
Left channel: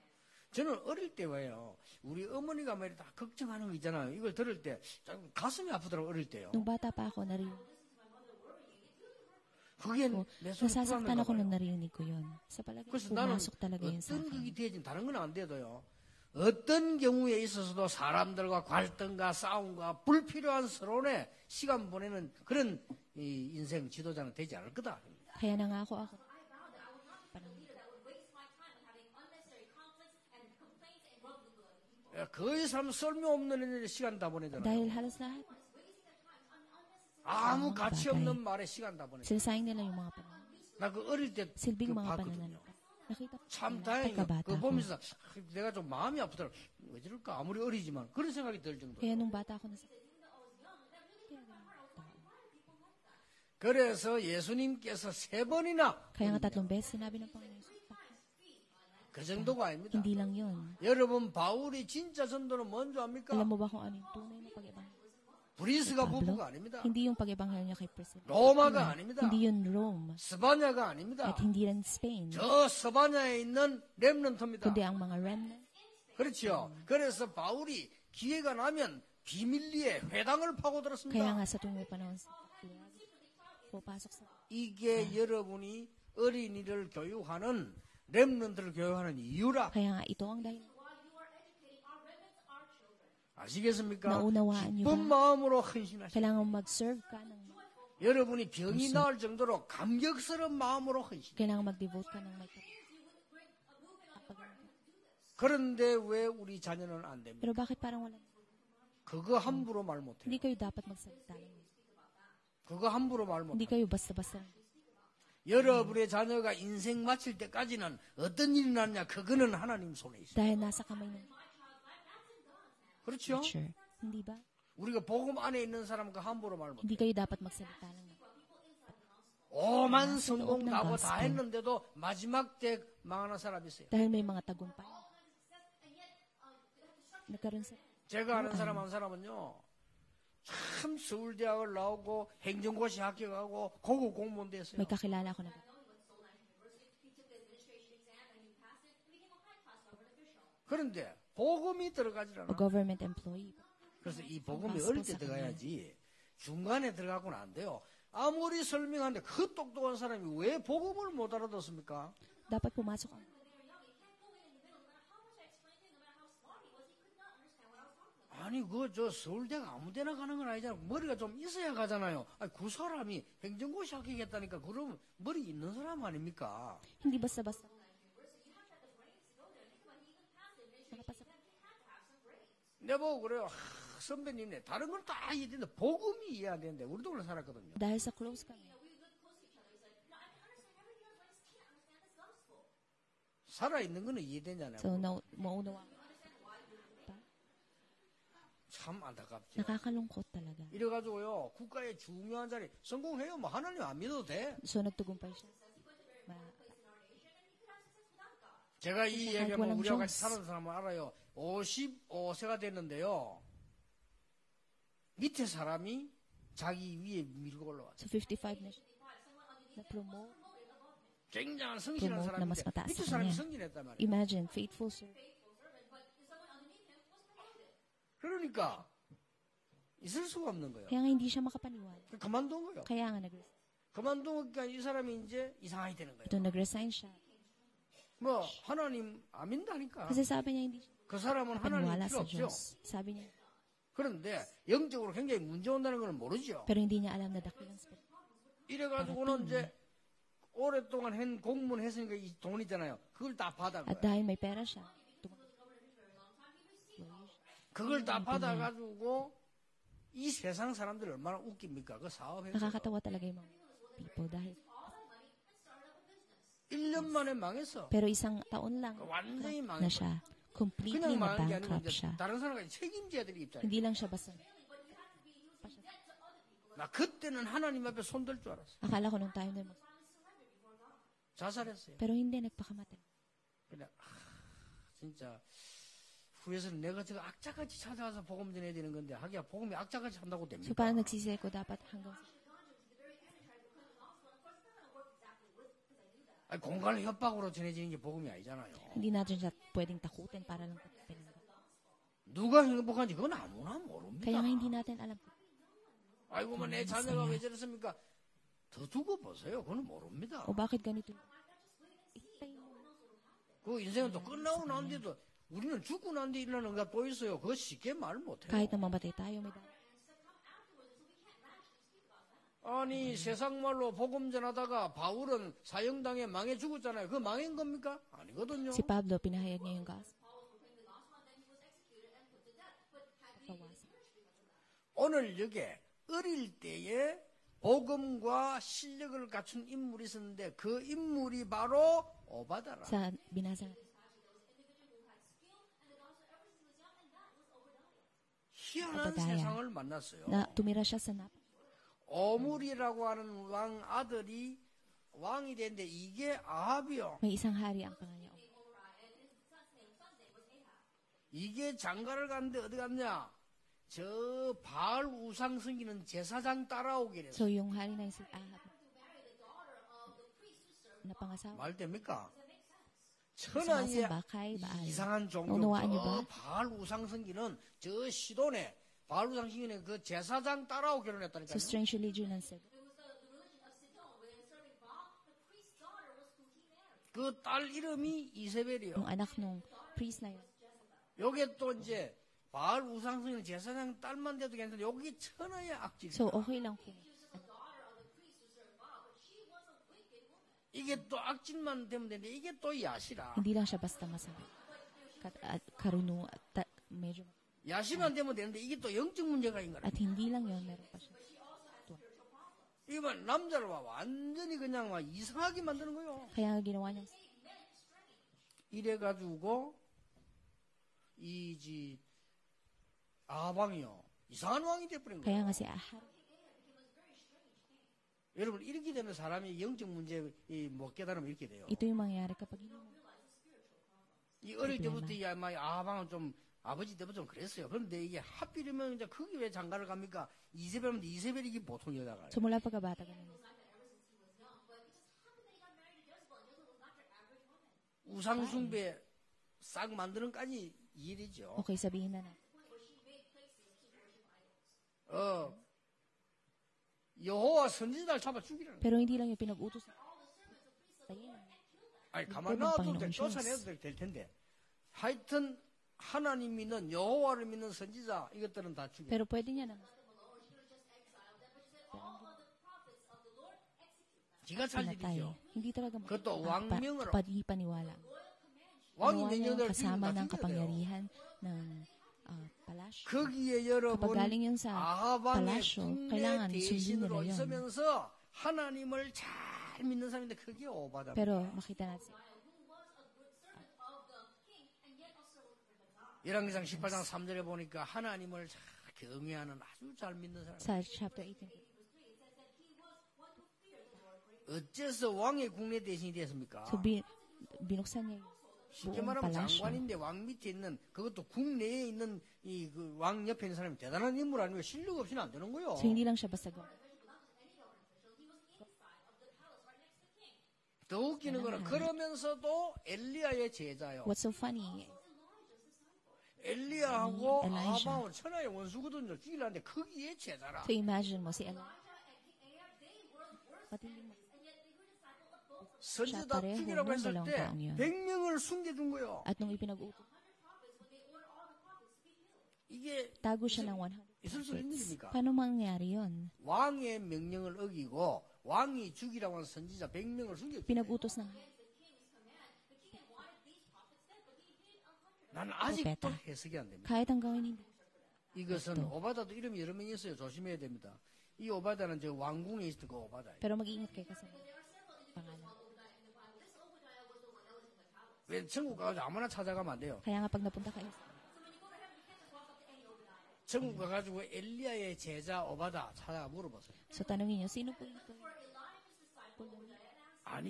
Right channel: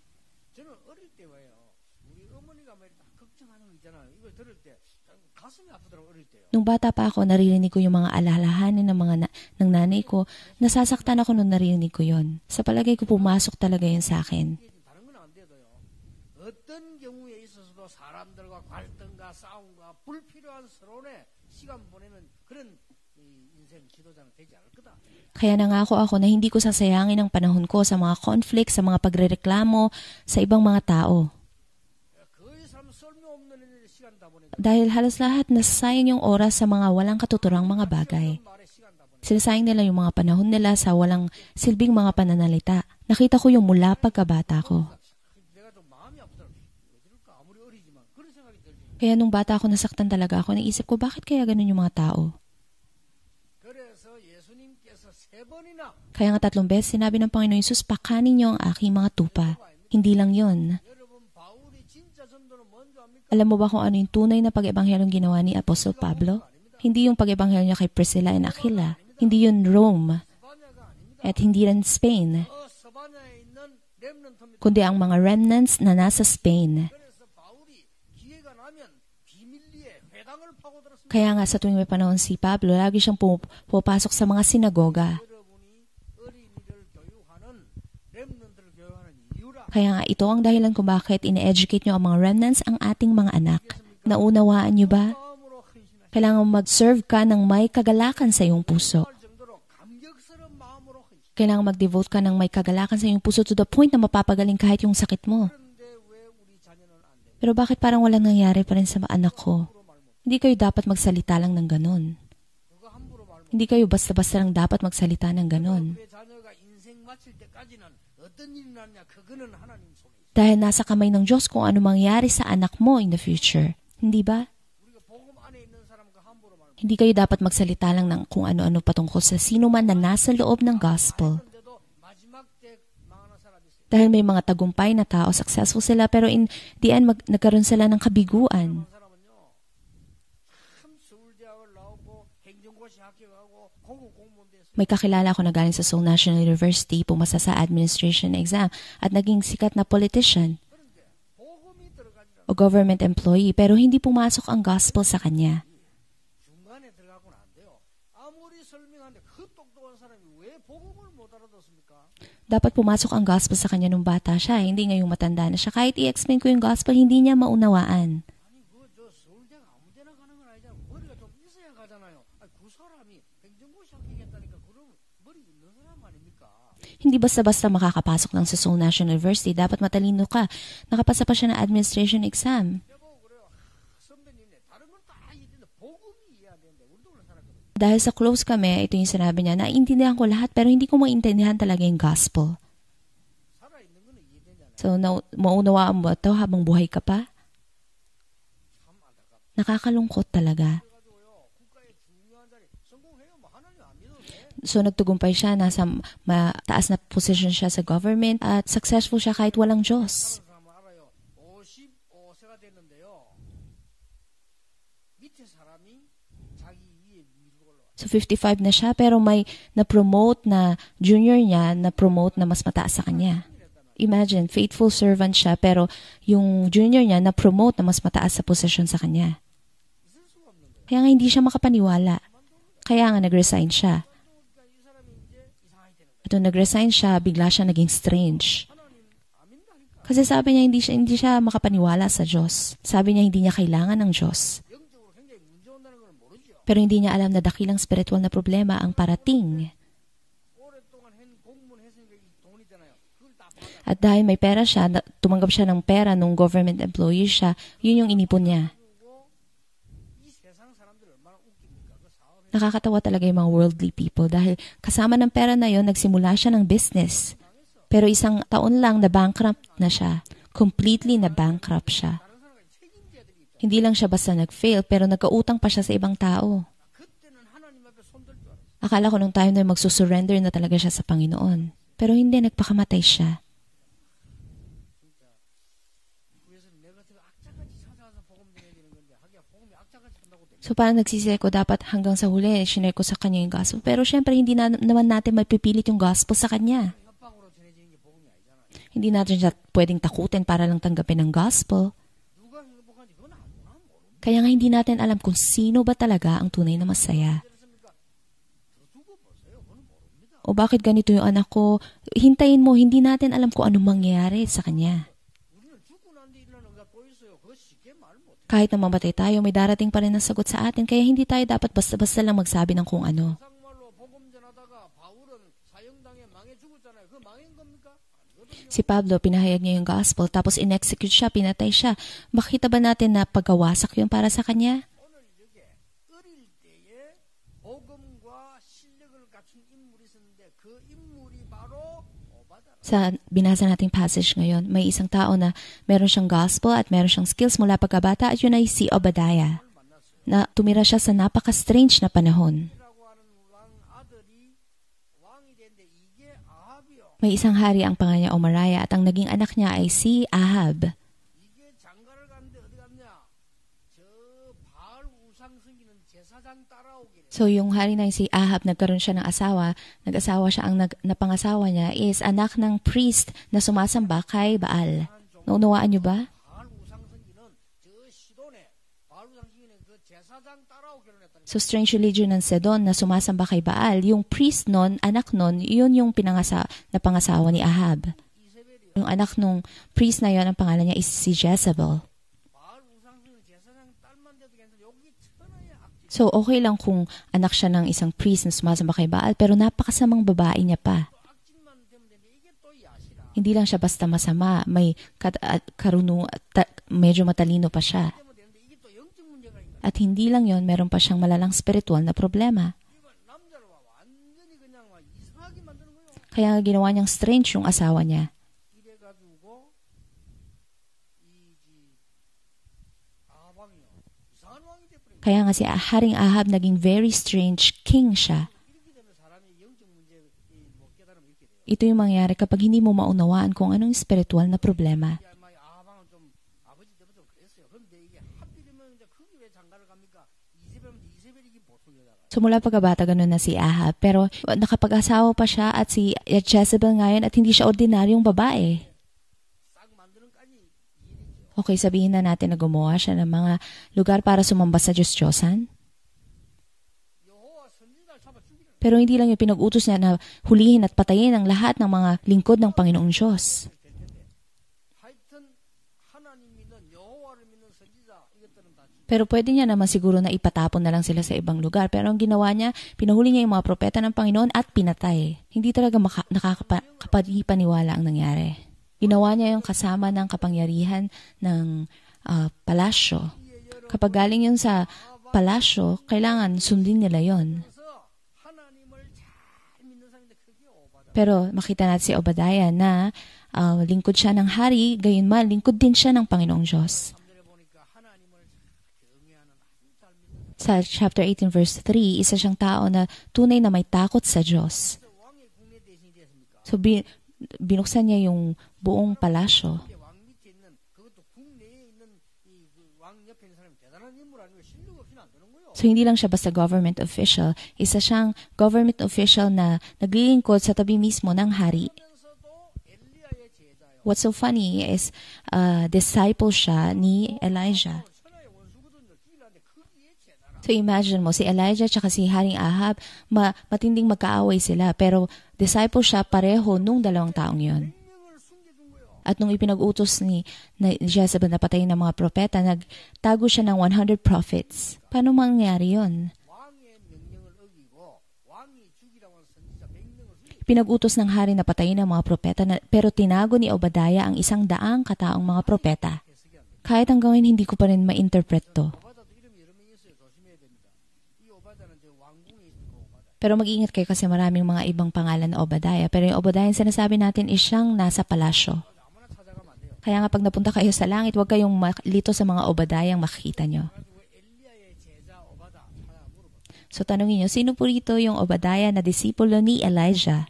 저는 어릴 때 왜요? 우리 어머니가 막 다 걱정하는 거 있잖아요. 이걸 들을 때 가슴이 아프더라고 어릴 때요. Nung bata pa ako, naririnig ko yung mga alalahanin ng mga ng nanay ko. Nasasaktan ako nung naririnig ko yon. Sa palagay ko, pumasok talaga yun sa akin. 다른 건 안 돼도요. 어떤 경우에 있어서도 사람들과 갈등과 싸움과 불필요한 서론에 시간 보내는 그런 인생 지도자는 되지 않을 거다. Kaya nangako ako na hindi ko sasayangin ang panahon ko sa mga conflict, sa mga pagrereklamo, sa ibang mga tao. 거의 쓸모없는 시간 다 보내잖아요. Dahil halos lahat nasayang yung oras sa mga walang katuturang mga bagay. 말에 시간 다 보내. Sinasayang nila yung mga panahon nila sa walang silbing mga pananalita. Nakita ko yung mula pagkabata ko. 내가 좀 마음이 아프더라. 왜 저럴까? 아무리 어리지만 그런 생각이 들 정도. Kaya nung bata ako, nasaktan talaga ako. Naisip ko, bakit kaya ganun yung mga tao? 그래서 예수님께서 3번이나 Kaya nga 3 beses sinabi ng Panginoon Yesus, pakanin niyo ang aking mga tupa. Hindi lang yun. 여러분 바울이 진짜 전도는 뭔지 압니까? Alam mo ba kung ano yung tunay na pag-ebanghelyong ginawa ni Apostle Pablo? Hindi yung pag-ebanghelyo niya kay Priscilla and Aquila. Hindi yun Rome. 스바냐가 아닙니다. At hindi rin Spain. 저 스바냐에 있는 렘넌트입니다. Kundi ang mga remnants na nasa Spain. 그래서 바울이 기회가 나면 비밀리에 회당을 파고들었습니다. Kaya nga sa tuwing may panahon si Pablo, lagi siyang pupasok sa mga sinagoga. 여러분이 어린이를 교육하는 렘넌트를 교육하는 이유라. Kaya nga ito ang dahilan kung bakit ine-educate nyo ang mga remnants, ang ating mga anak. 아시겠습니까? Naunawaan nyo ba? 마음으로 헌신하시고 Kailangan mag-serve ka ng may kagalakan sa iyong puso. 정도로 감격스러운 마음으로 헌신. Kailangan mag-devote ka ng may kagalakan sa iyong puso to the point na mapapagaling kahit yung sakit mo. 그런데 왜 우리 자녀는 안 됩니까? Pero bakit parang walang nangyari pa rin sa anak 그거 ko? 함부로 말 못. Hindi kayo dapat magsalita lang ng ganun. 그거 함부로 말 못. Hindi kayo basta-basta lang dapat magsalita ng ganun. 여러분의 자녀가 인생 마칠 때까지는 어떤 일이 났냐? 그거는 하나님 손에 있어. Dahil nasa kamay ng Diyos kung ano mangyari sa anak mo in the future. Hindi ba? 우리가 복음 안에 있는 사람 그 함부로 말 못. Hindi kayo dapat magsalita lang ng kung ano-ano patungkol sa sino man na nasa loob ng gospel. 했는데도 마지막 때 망하는 사람이 있어요. Dahil may mga tagumpay na tao, successful sila, pero in the end, nagkaroon sila ng kabiguan. 한 사람은요, 참 서울대학을 나오고 행정고시 합격하고 고급 공무원 됐어요. May kakilala ako na galing sa Seoul National University, pumasa sa administration exam, at naging sikat na politician 그런데 복음이 들어가지 o government employee, pero hindi pumasok ang gospel sa kanya. 중간에 들어가고는 안 돼요. 아무리 설명하는데 그 똑똑한 사람이 왜 복음을 못 알아듣습니까? Dapat pumasok ang gospel sa kanya nung bata siya, hindi ngayong matanda na siya. Kahit i-explain ko yung gospel, hindi niya maunawaan. 아니 저 서울대가 아무데나 가는 건 아니잖아. 머리가 좀 있어야 가잖아요. 아니, 그 사람이 행정고시 합격했다니까 그러면 머리 있는 사람 아닙니까? Hindi basta-basta makakapasok lang sa Seoul National University. Dapat matalino ka. Nakapasa pa siya ng administration exam. 내가 보고 그래요. 선배님네 다른 건 다 이해되는데 복음이 이해 안 되는데 우리도 그래 살았거든요. Dahil sa close kami, ito yung sinabi niya, naintindihan ko lahat pero hindi ko maintindihan talaga yung gospel. 살아있는 거는 이해되잖아요. So, maunawaan mo ito habang buhay ka pa? 참 안타깝죠. Nakakalungkot talaga. 그래가지고요 국가의 중요한 자리 성공해요. 뭐 하나님 안 믿어도 돼. So, nagtugumpay siya, nasa mataas na position siya sa government at successful siya kahit walang Diyos. 사는 사람은 알아요. 55세가 됐는데요. 밑에 사람이 자기 위에 밀고 올라와. So, 55 na siya pero may na-promote na junior niya, na-promote na mas mataas sa kanya. Imagine, faithful servant siya pero yung junior niya na-promote na mas mataas sa position sa kanya. 있을 수가 없는 거예요. Kaya nga hindi siya makapaniwala. 그만둔 거예요. Kaya nga nag-resign siya. 그만두니까 이 사람이 이제 이상하게 되는 거예요. Ito nag-resign siya, bigla siya naging strange. 하나님 안 믿다니까. Kasi sabi niya hindi siya makapaniwala sa Diyos. Sabi niya hindi niya kailangan ng Diyos. 영적으로 굉장히 문제 온다는 걸 모르죠. Pero hindi niya alam na dakilang spiritual na problema ang parating. 오랫동안 공무원 했으니까 이 돈 있잖아요. 그걸 다 받아. At dahil may pera siya, tumanggap siya ng pera nung government employee siya, yun yung inipon niya. 이 세상 사람들 얼마나 웃깁니까? 그 사업에 Nakakatawa talaga yung mga worldly people dahil kasama ng pera na yon nagsimula siya ng business. 망했어. Pero isang taon lang na bankrupt na siya. Completely na bankrupt siya. 다른 사람과 책임져야 될 입장. Hindi lang siya basta nag-fail, pero nagkautang pa siya sa ibang tao. 나 그때는 하나님 앞에 손들 줄 알았어. Akala ko nung time na magsusurrender na talaga siya sa Panginoon. Pero hindi, nagpakamatay siya. 진짜 후에서는 내가 저 악자같이 찾아가서 복음 전해야 되는 건데 하기야 복음이 악자같이 한다고 됩니다. So parang nagsisisi ko, dapat hanggang sa huli, shinare ko sa kanya yung gospel. Pero syempre, hindi naman natin mapipilit yung gospel sa kanya. 정말 협박으로 전해지는 게 복음이 아니잖아요. Hindi natin siya pwedeng takutin para lang tanggapin ang gospel. 누가 행복한지 그건 아무나 모릅니다. Kaya nga hindi natin alam kung sino ba talaga ang tunay na masaya. 더 두고 보세요. 그건 모릅니다. O bakit ganito yung anak ko? Hintayin mo, hindi natin alam kung anong mangyayari sa kanya. 우리는 죽고 난 뒤에 일어나는 거 또 있어요. 그거 쉽게 말 못해. Kahit na mamatay tayo, may darating pa rin ang sagot sa atin, kaya hindi tayo dapat basta-basta lang magsabi ng kung ano. 세상 말로 복음 전하다가 바울은 사형당에 망해 죽었잖아요. 그 망한 겁니까? 아니거든요. Si Pablo, pinahayag niya yung gospel, tapos in-execute siya, pinatay siya. Makita ba natin na pagkawasak yun para sa kanya? 오늘 여기 어릴 때에 복음과 실력을 갖춘 인물이 있었는데 그 인물이 바로 오바다라. Sa binasa nating passage ngayon, may isang tao na meron siyang gospel at meron siyang skills mula pagkabata at yun ay si Obadiah, 상을 만났어요. na tumira siya sa napaka-strange na panahon. 오므리라고 하는 왕 아들이 왕이 됐는데 이게 아합이요. May isang hari ang pangalan niya Omariah at ang naging anak niya ay si Ahab. 이게 장가를 갔는데 어디 갔냐? 저 바알 우상 섬기는 제사장 따라오게 됐어요. So yung hari na si Ahab, nagkaroon siya ng asawa. Nag-asawa siya, ang napangasawa niya is anak ng priest na sumasamba kay Baal. 이상한 종교. Naunawaan niyo ba? 바알 우상 섬기는 저 시돈에 바알 우상 섬기는 그 제사장 따라오 결혼했다니까. So strange religion ng Sedon na sumasamba kay Baal, yung priest nun, anak nun, yun yung napangasawa ni Ahab. 이세벨이요. Yung anak nung priest na yun, ang pangalan niya is si Jezebel. 바알 우상 섬기는 제사장 딸만 돼도 괜찮은데 여기 천하의 악질. So okay lang kung anak siya ng isang priest na sumasamba kay Baal, pero napakasamang babae niya 이게 pa. 또 악질만 되면 되는데 이게 또 야시라. Hindi lang siya basta masama, may medyo matalino pa siya. 야시만 되면 되는데 이게 또 영적 문제가 있는 거야. At hindi lang yon, meron pa siyang malalang spiritual na problema. 이번 남자를 봐 완전히 그냥 막 이상하게 만드는 거요. Kaya nga ginawa niyang strange yung asawa niya. 이래 가지고 이지 아방이요 이상한 왕이 돼버린 거예요. Kaya nga si Haring Ahab naging very strange king siya. 여러분 이렇게 되면 사람이 영적 문제 못 깨달으면 이렇게 돼요. Ito yung mangyari kapag hindi mo maunawaan kung anong spiritual na problema. 아방은 좀 아버지 때부터 좀 그랬어요. 그런데 이게 하필이면 이제 거기 왜 장가를 갑니까? 이세벨은 이세벨이 보통 여자가. So mula pagkabata ganun na si Ahab, pero nakapag-asawa pa siya at si Jezebel ngayon at hindi siya ordinaryong babae. 싹 만드는까지 일이죠. Okay, sabihin na natin na gumawa siya ng mga lugar para sumamba sa Diyos-Diyosan. 여호와 선지자를 잡아 죽이라는. Pero hindi lang yung pinag-utos niya na hulihin at patayin ang lahat ng mga lingkod ng Panginoong Diyos. 하여튼 하나님 믿는 여호와를 믿는 선지자 이것들은 다 죽여. Pero pwede niya naman siguro na ipatapon na lang sila sa ibang lugar. Pero ang ginawa niya, pinahuli niya yung mga propeta ng Panginoon at pinatay. Hindi talaga nakakapaniwala ang nangyari. Ginawa niya yung kasama ng kapangyarihan ng palasyo. Kapag galing yun sa palasyo, kailangan sundin nila yon. Pero makita natin si Obadiah na lingkod siya ng hari, gayon man, lingkod din siya ng Panginoong Diyos. Sa chapter 18 verse 3, isa siyang tao na tunay na may takot sa Diyos. So binuksan niya yung buong palasyo. So hindi lang siya basta government official, isa siyang government official na naglilingkod sa tabi mismo ng hari. What's so funny is disciple siya ni Elijah. So imagine mo, si Elijah at si Haring Ahab, matinding magkaaway sila, pero disciple siya pareho nung dalawang taong yon. At nung ipinag-utos ni Jezebel na patayin ng mga propeta, nagtago siya ng 100 prophets. Paano mangyari yon? Pinag-utos ng hari na patayin ng mga propeta, pero tinago ni Obadiah ang 100 kataong mga propeta. Kahit hanggang ngayon, hindi ko pa rin ma-interpret to. Pero mag-ingat kayo kasi maraming mga ibang pangalan na Obadiah. Pero yung Obadiah yung sinasabi natin is siyang nasa palasyo. Kaya nga pag napunta kayo sa langit, huwag kayong lito sa mga Obadiah ang makikita nyo. So tanongin nyo, sino po rito yung Obadiah na disipulo ni Elijah?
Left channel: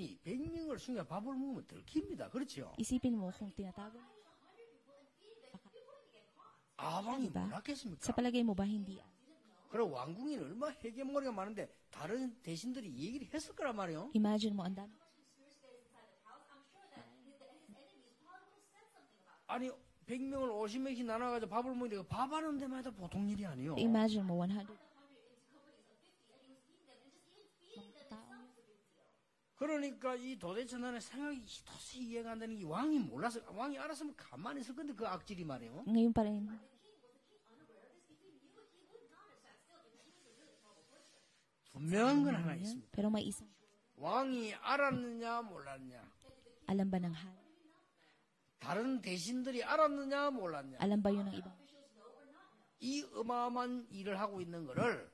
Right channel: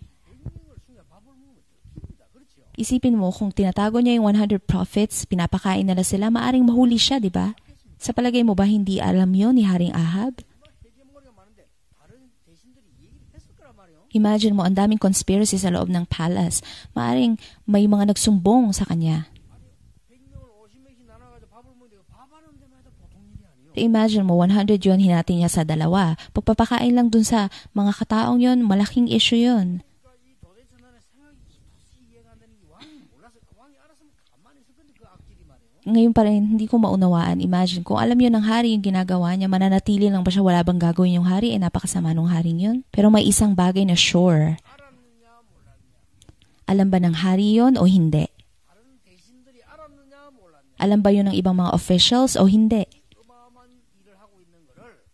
Isipin mo, kung tinatago niya yung 100 prophets, pinapakain nila sila, maaring mahuli siya, di ba? Sa palagay mo ba hindi alam yon ni Haring Ahab? Imagine mo, ang daming conspiracy sa loob ng palace. Maaring may mga nagsumbong sa kanya. Imagine mo, 100 yun, hinati niya sa 2. Pagpapakain lang dun sa mga kataong yun, malaking issue yun. 이해가 안 되는 게 왕이 몰라서 왕이 알았으면 가만히 있을 건데 그 악질이 말이에요. Ngayon pa rin, hindi ko maunawaan. Imagine, kung alam yun ng hari yung ginagawa niya, mananatili lang ba siya, wala bang gagawin yung hari? Napakasama nung haring yun. Pero may isang bagay na sure. 알았느냐 몰랐냐. Alam ba ng hari yun o hindi? 다른 대신들이 알았느냐 몰랐냐. Alam ba yun ng ibang mga officials o hindi? 이 어마어마한 일을 하고 있는 거를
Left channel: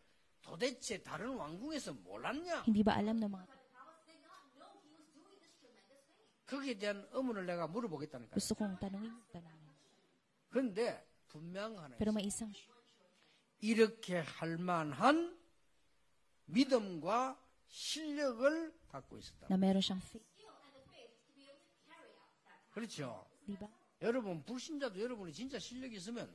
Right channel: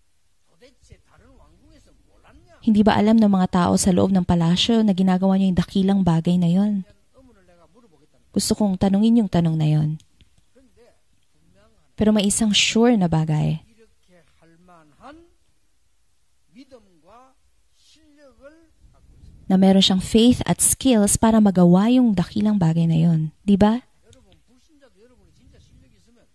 도대체 다른 왕궁에서 몰랐냐. Hindi ba alam ng mga tao sa loob ng palasyo na ginagawa niya yung dakilang bagay na 그에 yun? 대한 의문을 내가 물어보겠다는 거예요. Gusto kong tanungin yung tanong na yun. 그런데 분명하네. Pero may isang sure na bagay 이렇게 할 만한 믿음과 실력을 갖고 있었다. na meron siyang faith at skills para magawa yung dakilang bagay na yun. Di ba? 여러분 불신자도 여러분이 진짜 실력이 있으면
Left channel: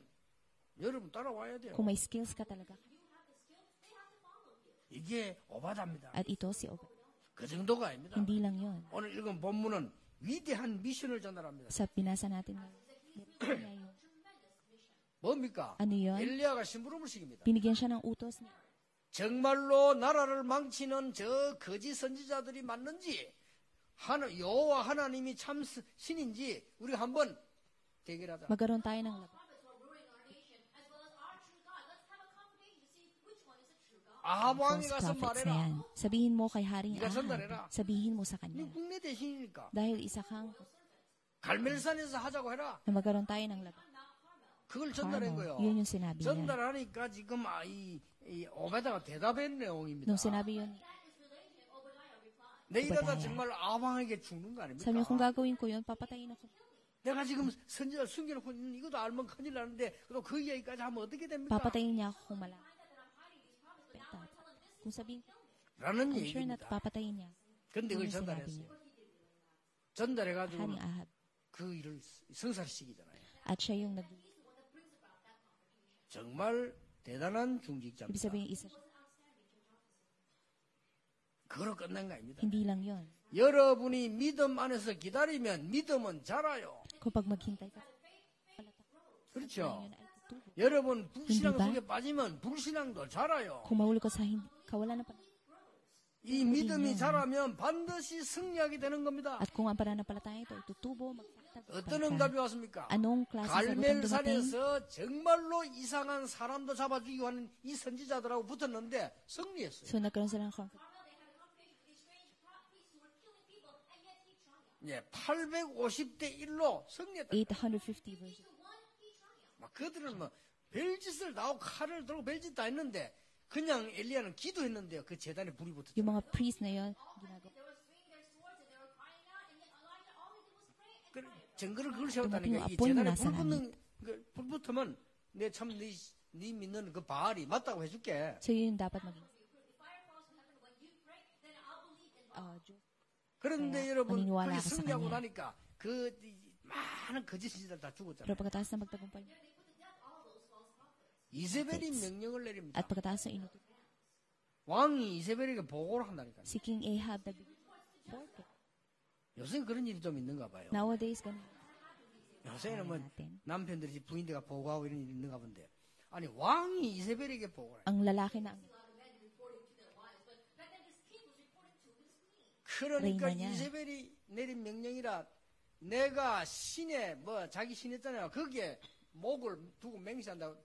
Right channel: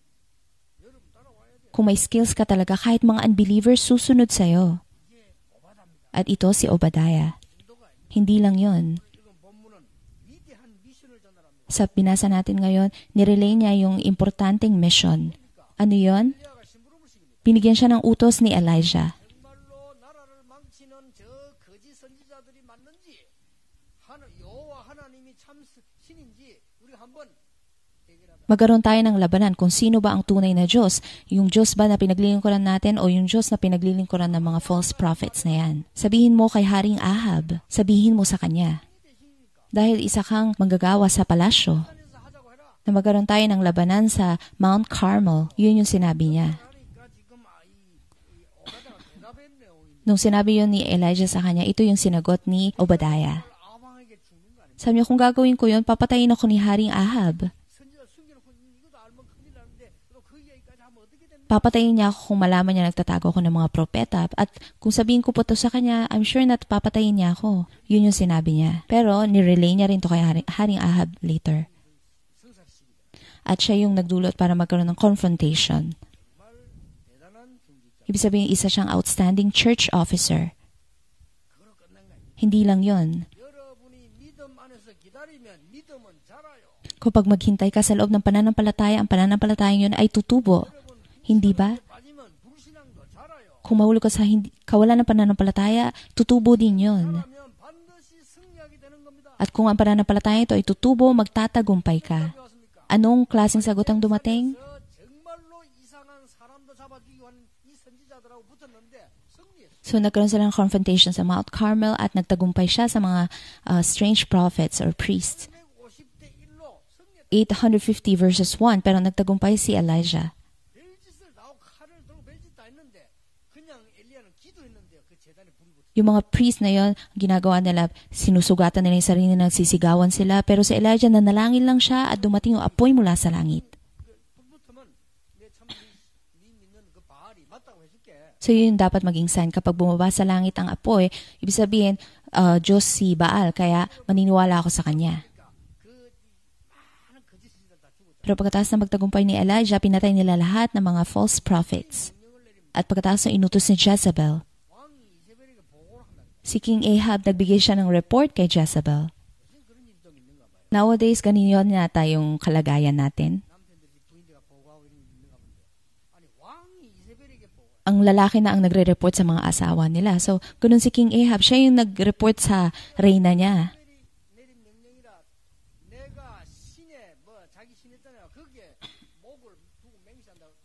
여러분 따라와야 돼요. Kung may skills ka talaga, kahit mga unbelievers susunod sa'yo. 이게 오바다입니다. At ito si Obadiah. 그 정도가 아닙니다. Hindi lang yun. 오늘 읽은 본문은 위대한 미션을 전달합니다. Sa binasa natin ngayon, nirelay niya yung importanteng mission. 뭡니까? Ano yun? 엘리야가 심부름을 시킵니다. Binigyan siya ng utos ni Elijah. 정말로 나라를 망치는 저 거짓 선지자들이 맞는지 여호와 하나님이 참 신인지 우리가 한번 대결하자. Magkaroon tayo ng labanan kung sino ba ang tunay na Diyos. Yung Diyos ba na pinaglilingkuran natin o yung Diyos na pinaglilingkuran ng mga false prophets na yan. Sabihin mo kay Haring Ahab, sabihin mo sa kanya. 내 대신이니까. Dahil isa kang manggagawa sa palasyo, 산에서 하자고 해라. na magkaroon tayo ng labanan sa Mount Carmel. Yun yung sinabi niya. 전달하니까 지금 이 오베다가 대답한 내용입니다. Nung sinabi yun ni Elijah sa kanya, ito yung sinagot ni Obadiah. 정말 아방에게 죽는 거 아닙니까? Sabi niya, kung gagawin ko yun, papatayin ako ni Haring Ahab. 지금 선지자 숨겨놓고 이것도 알면 큰일 나는데 또 그 이야기까지 하면 어떻게 됩니까? Papatayin niya ako kung malaman niya nagtatago ako ng mga propeta. At kung sabihin ko po to sa kanya, I'm sure na papatayin niya ako. Yun yung sinabi niya. Pero nirelay niya rin to kay Haring Ahab later. 그 일을 성사시키잖아요. At siya yung nagdulot para magkaroon ng confrontation. 정말 대단한 중직자. Ibig sabihin, isa siyang outstanding church officer. 그걸로 끝난 거 아닙니다. Hindi lang yun. 여러분이 믿음 안에서 기다리면 믿음은 자라요. Kapag maghintay ka sa loob ng pananampalataya, ang pananampalatayang yun ay tutubo. 여러분 Hindi ba? 불신앙에 빠지면 불신앙도 자라요. Kung mahulog ka sa kawalan ng pananampalataya, tutubo din 믿음이 yun. 자라면 반드시 승리하게 되는 겁니다. At kung ang pananampalataya ito ay tutubo, magtatagumpay 어떤 ka. 응답이 왔습니까? Anong klaseng sagot ang dumating? 갈멜산에서 정말로 이상한 사람도 잡아주기 하는 이 선지자들하고 붙었는데 승리했어요. So nagkaroon sila ng confrontation sa Mount Carmel at nagtagumpay siya sa mga strange prophets or priests. 850대 1로 승리했다. 850 verses 1, pero nagtagumpay si Elijah. 벨짓을 나오고 칼을 들고 벨짓 다 했는데 그냥 엘리야는 기도했는데요. 그 제단에 불이 붙었어요. Yung mga priest na yon, ginagawa nila, sinusugatan nila yung sarili, nagsisigawan sila, pero si Elijah nanalangin lang siya at dumating yung apoy mula sa langit. 불 붙으면 네 믿는 그 바알이 맞다고 해줄게. So yun yung dapat maging sign. Kapag bumaba sa langit ang apoy, ibig sabihin, Diyos si Baal, kaya maniniwala ako sa kanya. 그 많은 거짓 선지자들 다 죽었잖아요. Pero pagkatapos ng magtagumpay ni Elijah, pinatay nila lahat ng mga false prophets. 명령을 내립니다. At pagkatapos ng inutos ni Jezebel, 왕이 이세벨에게 보고를 한다니까. si King Ahab nagbigay siya ng report kay Jezebel. 요새 그런 일이 좀 있는가 봐요. Nowadays, ganyan yata yung kalagayan natin. 남편들이 부인대가 보고하고 이런 일이 있는가 본데. 아니 왕이 이세벨에게 보고를. Ang lalaki na ang nagre-report sa mga asawa nila. So, ganun si King Ahab, siya yung nag-report sa reyna niya. 이세벨이 내린 명령이라 내가 신에 자기 신했잖아요. 거기에 목을 두고 맹세한다고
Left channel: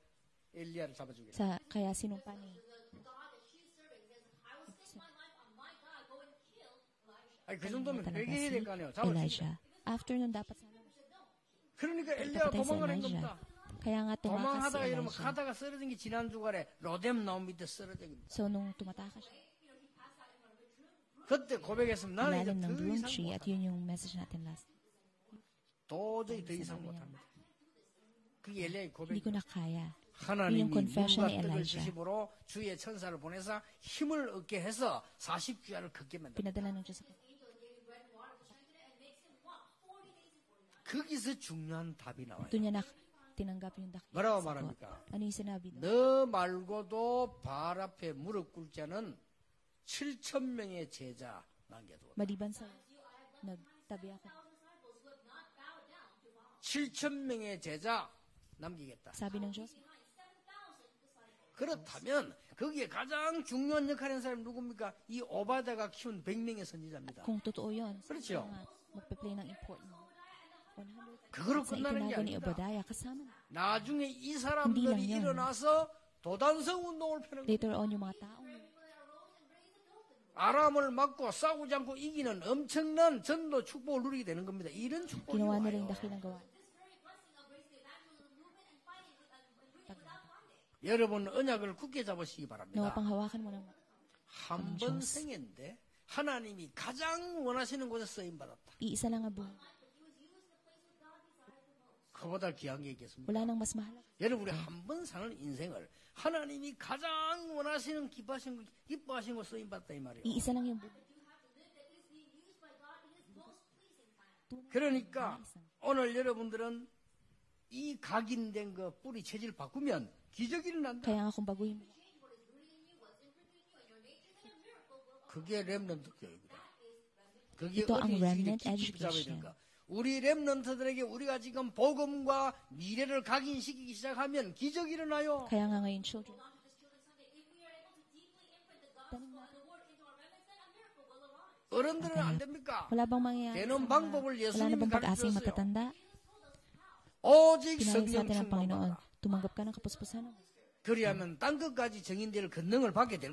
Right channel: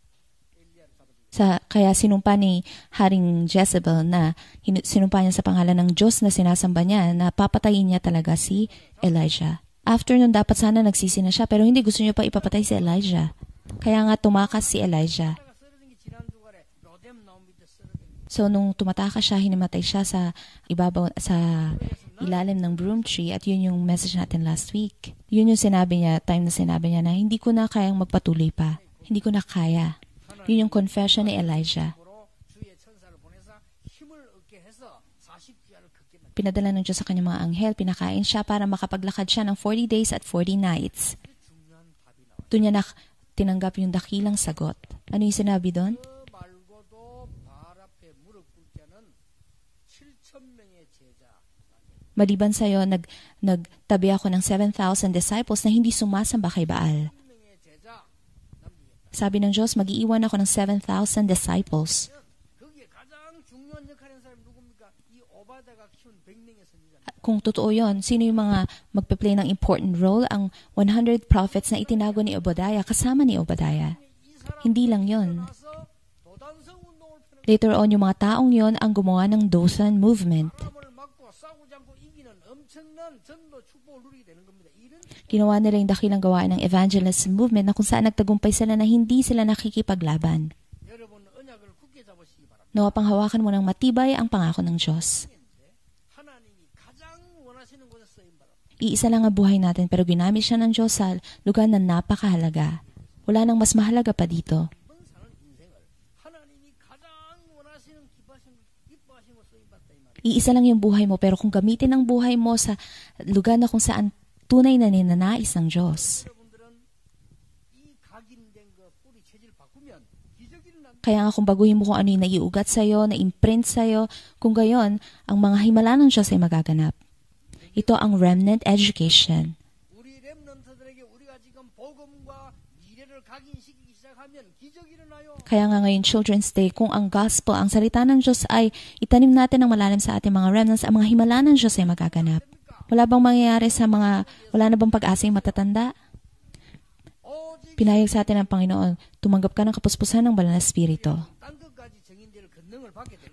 엘리야를 잡아주게. Kaya sinumpa ni Haring Jezebel na sinumpa niya sa pangalan ng Diyos na sinasamba niya na papatayin niya talaga si Elijah. After nun, dapat sana nagsisi na siya pero hindi gusto niya pa ipapatay si Elijah. Kaya nga tumakas si Elijah. 가다가 쓰러진 게 지난 주간에 로뎀 나무 밑에 쓰러진 거. So nung tumatakas siya, hinimatay siya sa ibabaw sa ilalim ng broom tree at yun yung message natin last week. Yun yung sinabi niya, time na sinabi niya na hindi ko na kayang magpatuloy pa. Hindi ko na kaya. Yun yung confession ni Elijah. 주의 천사를 보내서 힘을 얻게 해서 40주야를 걷게 만들었다. Pinadala ng Diyos sa kanyang mga anghel, pinakain siya para makapaglakad siya ng 40 days at 40 nights. 거기서 중요한 답이 나와요. Doon niya tinanggap yung dakilang sagot. Ano yung sinabi doon? 너 말고도 바알 앞에 무릎 꿇지 않은 7,000명의 제자 남겨두었다. Maliban sa'yo, nagtabi ako ng 7,000 disciples na hindi sumasamba kay Baal. 7,000명의 제자 남기겠다. Sabi ng Diyos, mag-iiwan ako ng 7,000 disciples. 그러면 거기에 가장 중요한 역할을 한 사람이 누굽니까? 이 오바다가 키운 100명의 선지자입니다. Kung totoo yon, sino yung mga magpe-play ng important role? Ang 100 prophets na itinago ni Obadiah, kasama ni Obadiah. 나중에 이 사람들이 Hindi lang yun. 일어나서 도단성 운동을 펴는 Later on, yung mga taong yon ang gumawa ng Dothan movement. 아람을 막고 싸우지 않고 이기는 엄청난 전도 축복을 누리게 되는 겁니다. 이런 축복. Ginawa nila yung dakilang gawain ng evangelism movement na kung saan nagtagumpay sila na hindi sila nakikipaglaban. 여러분 언약을 굳게 잡으시기 바랍니다. Nawa panghawakan mo ng matibay ang pangako ng Diyos. 성인데 하나님이 가장 원하시는 곳에 쓰임 받았다. Iisa lang ang buhay natin pero ginamit siya ng Diyos sa lugar na napakahalaga. Wala nang mas mahalaga pa dito. 한번 사는 인생을 하나님이 가장 원하시는 기뻐하시는 곳에 쓰임 받다 이 말이에요. Iisa lang yung buhay mo pero kung gamitin ang buhay mo sa lugar na kung saan tunay na ninanais ng 오늘 Diyos. 여러분들은 이 각인된 그 뿌리 체질 바꾸면 기적이 일어난다. Kaya nga kung baguhin mo kung ano yung naiugat sa'yo, na-imprint sa'yo, kung gayon, ang mga himala ng Diyos ay magaganap. Ito ang remnant education. 우리 렘넌트들에게 우리가 지금 복음과 미래를 각인시키기 시작하면 기적이 일어나요. Kaya nga ngayon, Children's Day, kung ang gospel, ang salita ng Diyos ay itanim natin ng malalim sa ating mga remnants, ang mga himala ng Diyos ay magaganap. Wala bang mangyayari sa mga, wala na bang pag-asa yung matatanda? Pinayag sa atin ng Panginoon, tumanggap ka ng kapuspusan ng banal na Espiritu.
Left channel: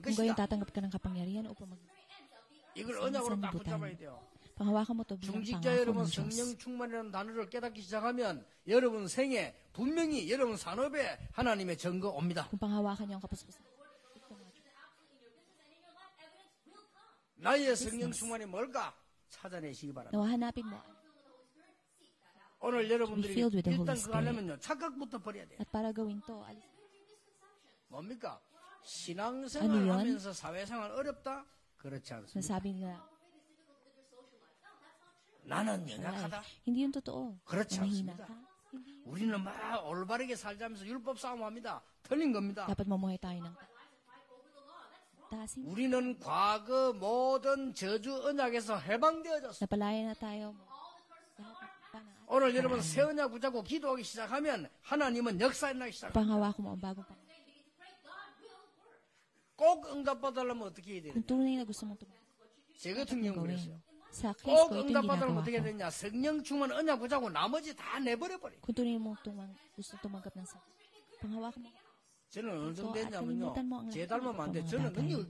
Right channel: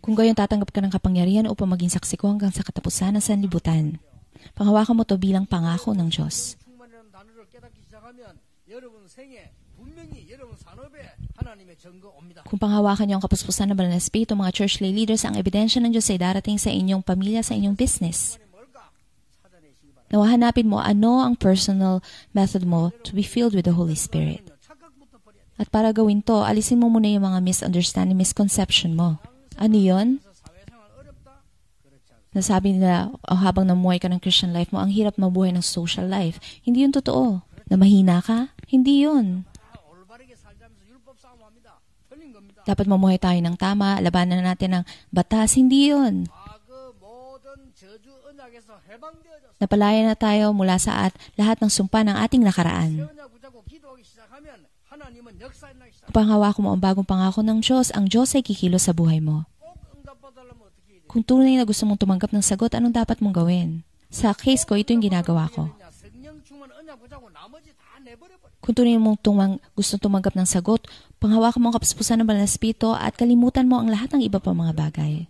Kung gayon, tatanggap ka ng kapangyarihan upang maging saksi ko hanggang sa katapusan ng sanlibutan. Panghawakan mo to bilang pangako ng Diyos. Kung panghawakan niyo ang kapuspusan ng banal na Espiritu, mga church lay leaders, ang ebidensya ng Diyos ay darating sa inyong pamilya, sa inyong business. Nawahanapin mo ano ang personal method mo to be filled with the Holy Spirit. At para gawin to, alisin mo muna yung mga misunderstanding, misconception mo. Ano yun? Nasabi nila, habang namuhay ka ng Christian life mo, ang hirap mabuhay ng social life. Hindi yun totoo. Na mahina ka? Hindi yun. Dapat mamuhay tayo ng tama, labanan natin ng batas. Hindi yun. Napalaya na tayo mula sa lahat ng sumpa ng ating nakaraan. Panghawak mo ang bagong pangako ng Diyos, ang Diyos ay kikilos sa buhay mo. Kung tunay na gusto mong tumanggap ng sagot, anong dapat mong gawin? Sa case ko, ito yung ginagawa ko. Kung tunay mong gusto tumanggap ng sagot, panghawakan mo ang kapuspusan ng banal na Espiritu at kalimutan mo ang lahat ng iba pang mga bagay.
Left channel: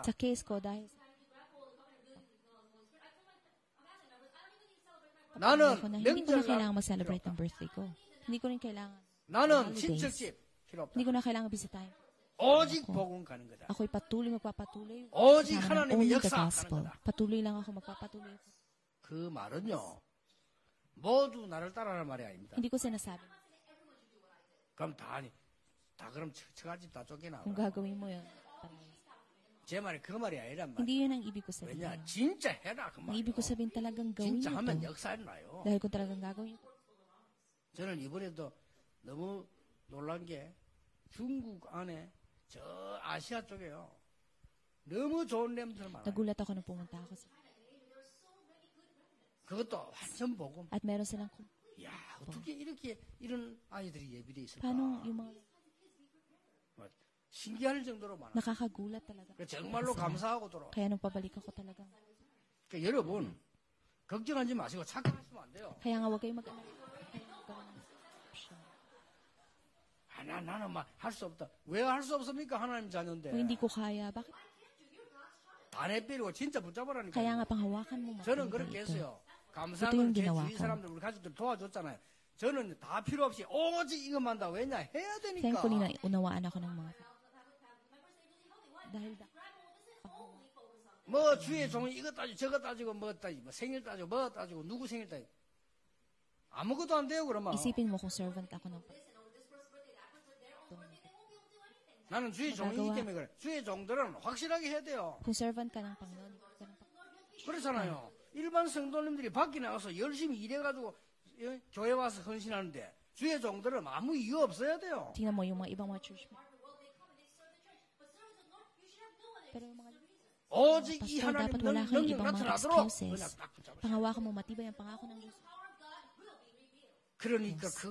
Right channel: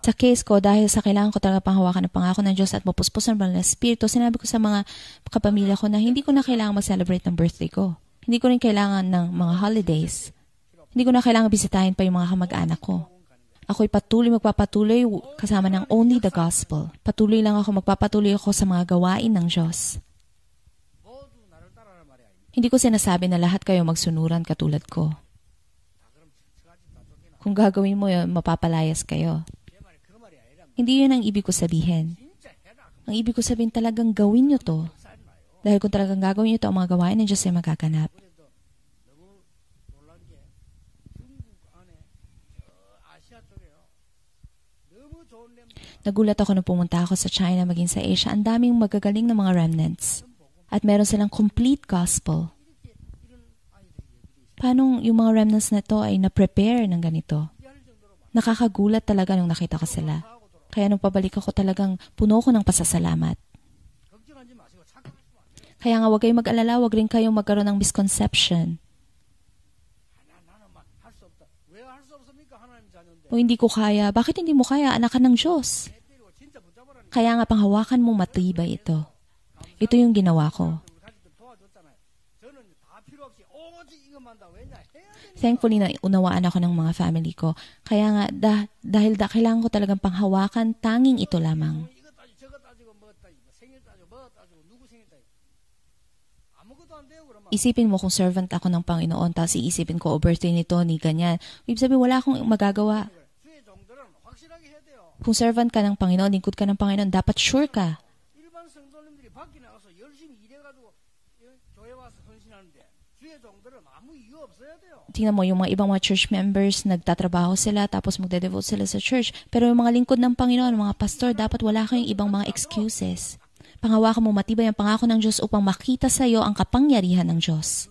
Sa case ko, dahil sa kailangan ko talaga panghawakan ng pangako ng Diyos at mapuspusan ng banal na Espiritu, sinabi ko sa mga kapamilya ko na hindi ko na kailangan mag-celebrate ng birthday ko. Hindi ko rin kailangan ng mga holidays. Hindi ko na kailangan bisitahin pa yung mga kamag-anak ko. Ako'y magpapatuloy kasama ng only the gospel. Patuloy lang ako, magpapatuloy ako sa mga gawain ng Diyos. Hindi ko sinasabi na lahat kayo magsunuran katulad ko. Kung gagawin mo yun, mapapalayas kayo. Hindi yun ang ibig ko sabihin. Ang ibig ko sabihin talagang gawin nyo to. Dahil kung talagang gagawin nyo to, ang mga gawain ng Diyos ay magaganap. Nagulat ako nung pumunta ako sa China, maging sa Asia. Ang daming magagaling na mga remnants. At meron silang complete gospel. Paano yung mga remnants na to ay na-prepare ng ganito? Nakakagulat talaga nung nakita ko sila. Kaya nung pabalik ako talagang puno ko ng pasasalamat. Kaya nga huwag kayong mag-alala, huwag rin kayong magkaroon ng misconception. O hindi ko kaya. Bakit hindi mo kaya? Anak ka ng Diyos. Kaya nga panghawakan mo matibay ito. Ito yung ginawa ko. Thankfully na unawaan ako ng mga family ko. Kaya nga dahil kailangan ko talagang panghawakan, tanging ito lamang. Isipin mo kung servant ako ng Panginoon, tapos iisipin ko, birthday nito, ni ganyan. Ibig sabihin, wala akong magagawa. Kung servant ka ng Panginoon, lingkod ka ng Panginoon, dapat sure ka. Tingnan mo, yung mga ibang mga church members, nagtatrabaho sila, tapos magde-devote sila sa church. Pero yung mga lingkod ng Panginoon, mga pastor, dapat wala kayong ibang mga excuses. Panghawakan mo matibay ang pangako ng Diyos upang makita sa iyo ang kapangyarihan ng Diyos.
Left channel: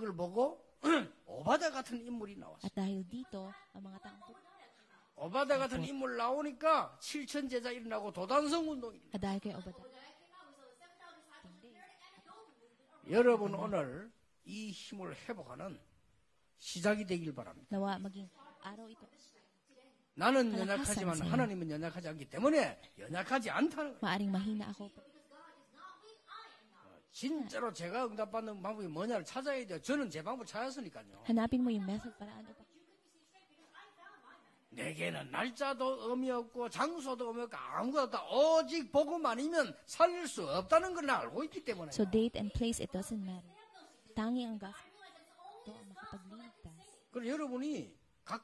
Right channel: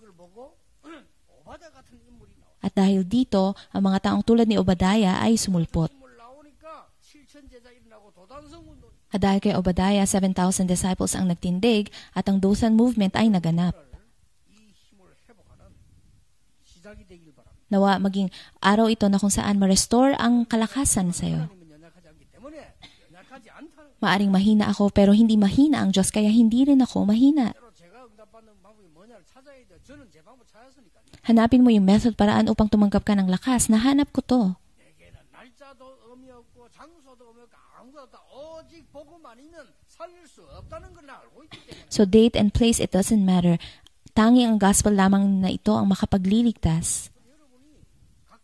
같은 인물이 나왔어요. At dahil dito, ang mga taong tulad ni Obadiah ay 같은 sumulpot. 인물 나오니까 7천 제자 일어나고 도단성 운동이. At dahil kay Obadiah, 7,000 disciples ang nagtindig at ang Dothan movement ay 여러분 naganap. 오늘 이 힘을 회복하는 시작이 되길 바랍니다. Nawa maging araw ito na kung saan ma-restore ang 나는 kalakasan 연약하지만 sa iyo. 하나님은 연약하지 않기 때문에 연약하지 않다는 거예요. Maaring mahina ako pero hindi mahina ang Diyos kaya hindi rin ako mahina. 실제로 제가 응답받는 방법이 뭐냐를 찾아야 돼요. 저는 제 방법 찾았으니까요. Hanapin mo yung method paraan upang tumanggap ka ng lakas. Nahanap ko to. 내게는 날짜도 의미 없고 장소도 의미 없고 아무것도 없다. 오직 복음 아니면 살릴 수 없다는 걸 알고 있기 때문에. So date and place, it doesn't matter. Tanging ang gospel lamang na ito ang makapagliligtas. 그럼 여러분이 각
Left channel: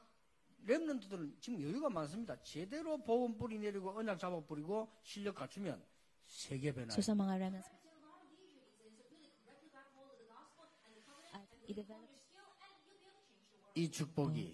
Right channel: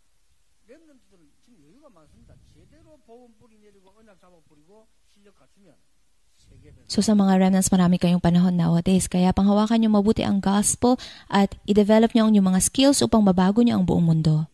렘넌트들은 지금 여유가 많습니다. 제대로 복음 뿌리 내리고 언약 잡아 뿌리고 실력 갖추면 세계 변화. So sa mga remnants, marami kayong panahon nowadays. Kaya panghawakan nyo mabuti ang gospel at i-develop nyo ang inyong mga skills upang mabago nyo ang buong mundo.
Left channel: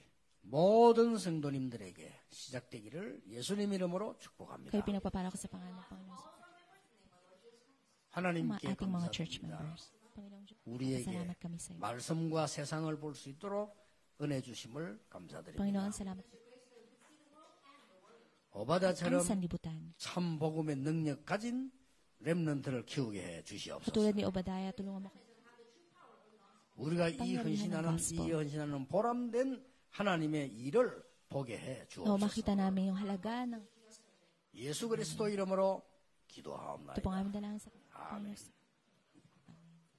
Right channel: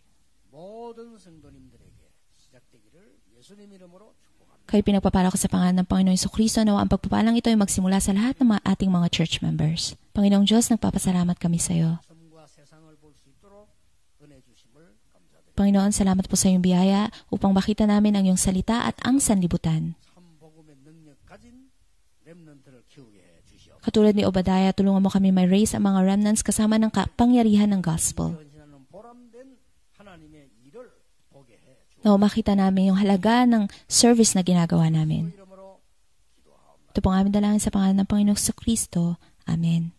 모든 성도님들에게 시작되기를 예수님 이름으로 축복합니다. Kayo pinagpapala ko sa pangalan ng Panginoong Jesucristo na ang pagpapalang ito ay magsimula sa lahat ng mga ating mga church members. Panginoong Diyos, nagpapasalamat kami sa iyo. 말씀과 세상을 볼 수 있도록 은혜 주심을 감사드립니다. Panginoon, salamat po sa iyong biyaya upang makita namin ang iyong salita at ang sanlibutan. 참 복음의 능력 가진 렘넌트를 키우게 해 주시옵소서. Katulad ni Obadiah, tulungan mo kami may raise ang mga remnants kasama ng kapangyarihan ng gospel. 헌신하는 보람된 하나님의 일을 보게 해 Na 주옵소서. makita namin yung halaga ng service na ginagawa 예수 그리스도 namin. 이름으로 기도하옵나이다. Ito po ang aming dalangin sa pangalan ng Panginoong Jesucristo. Amen.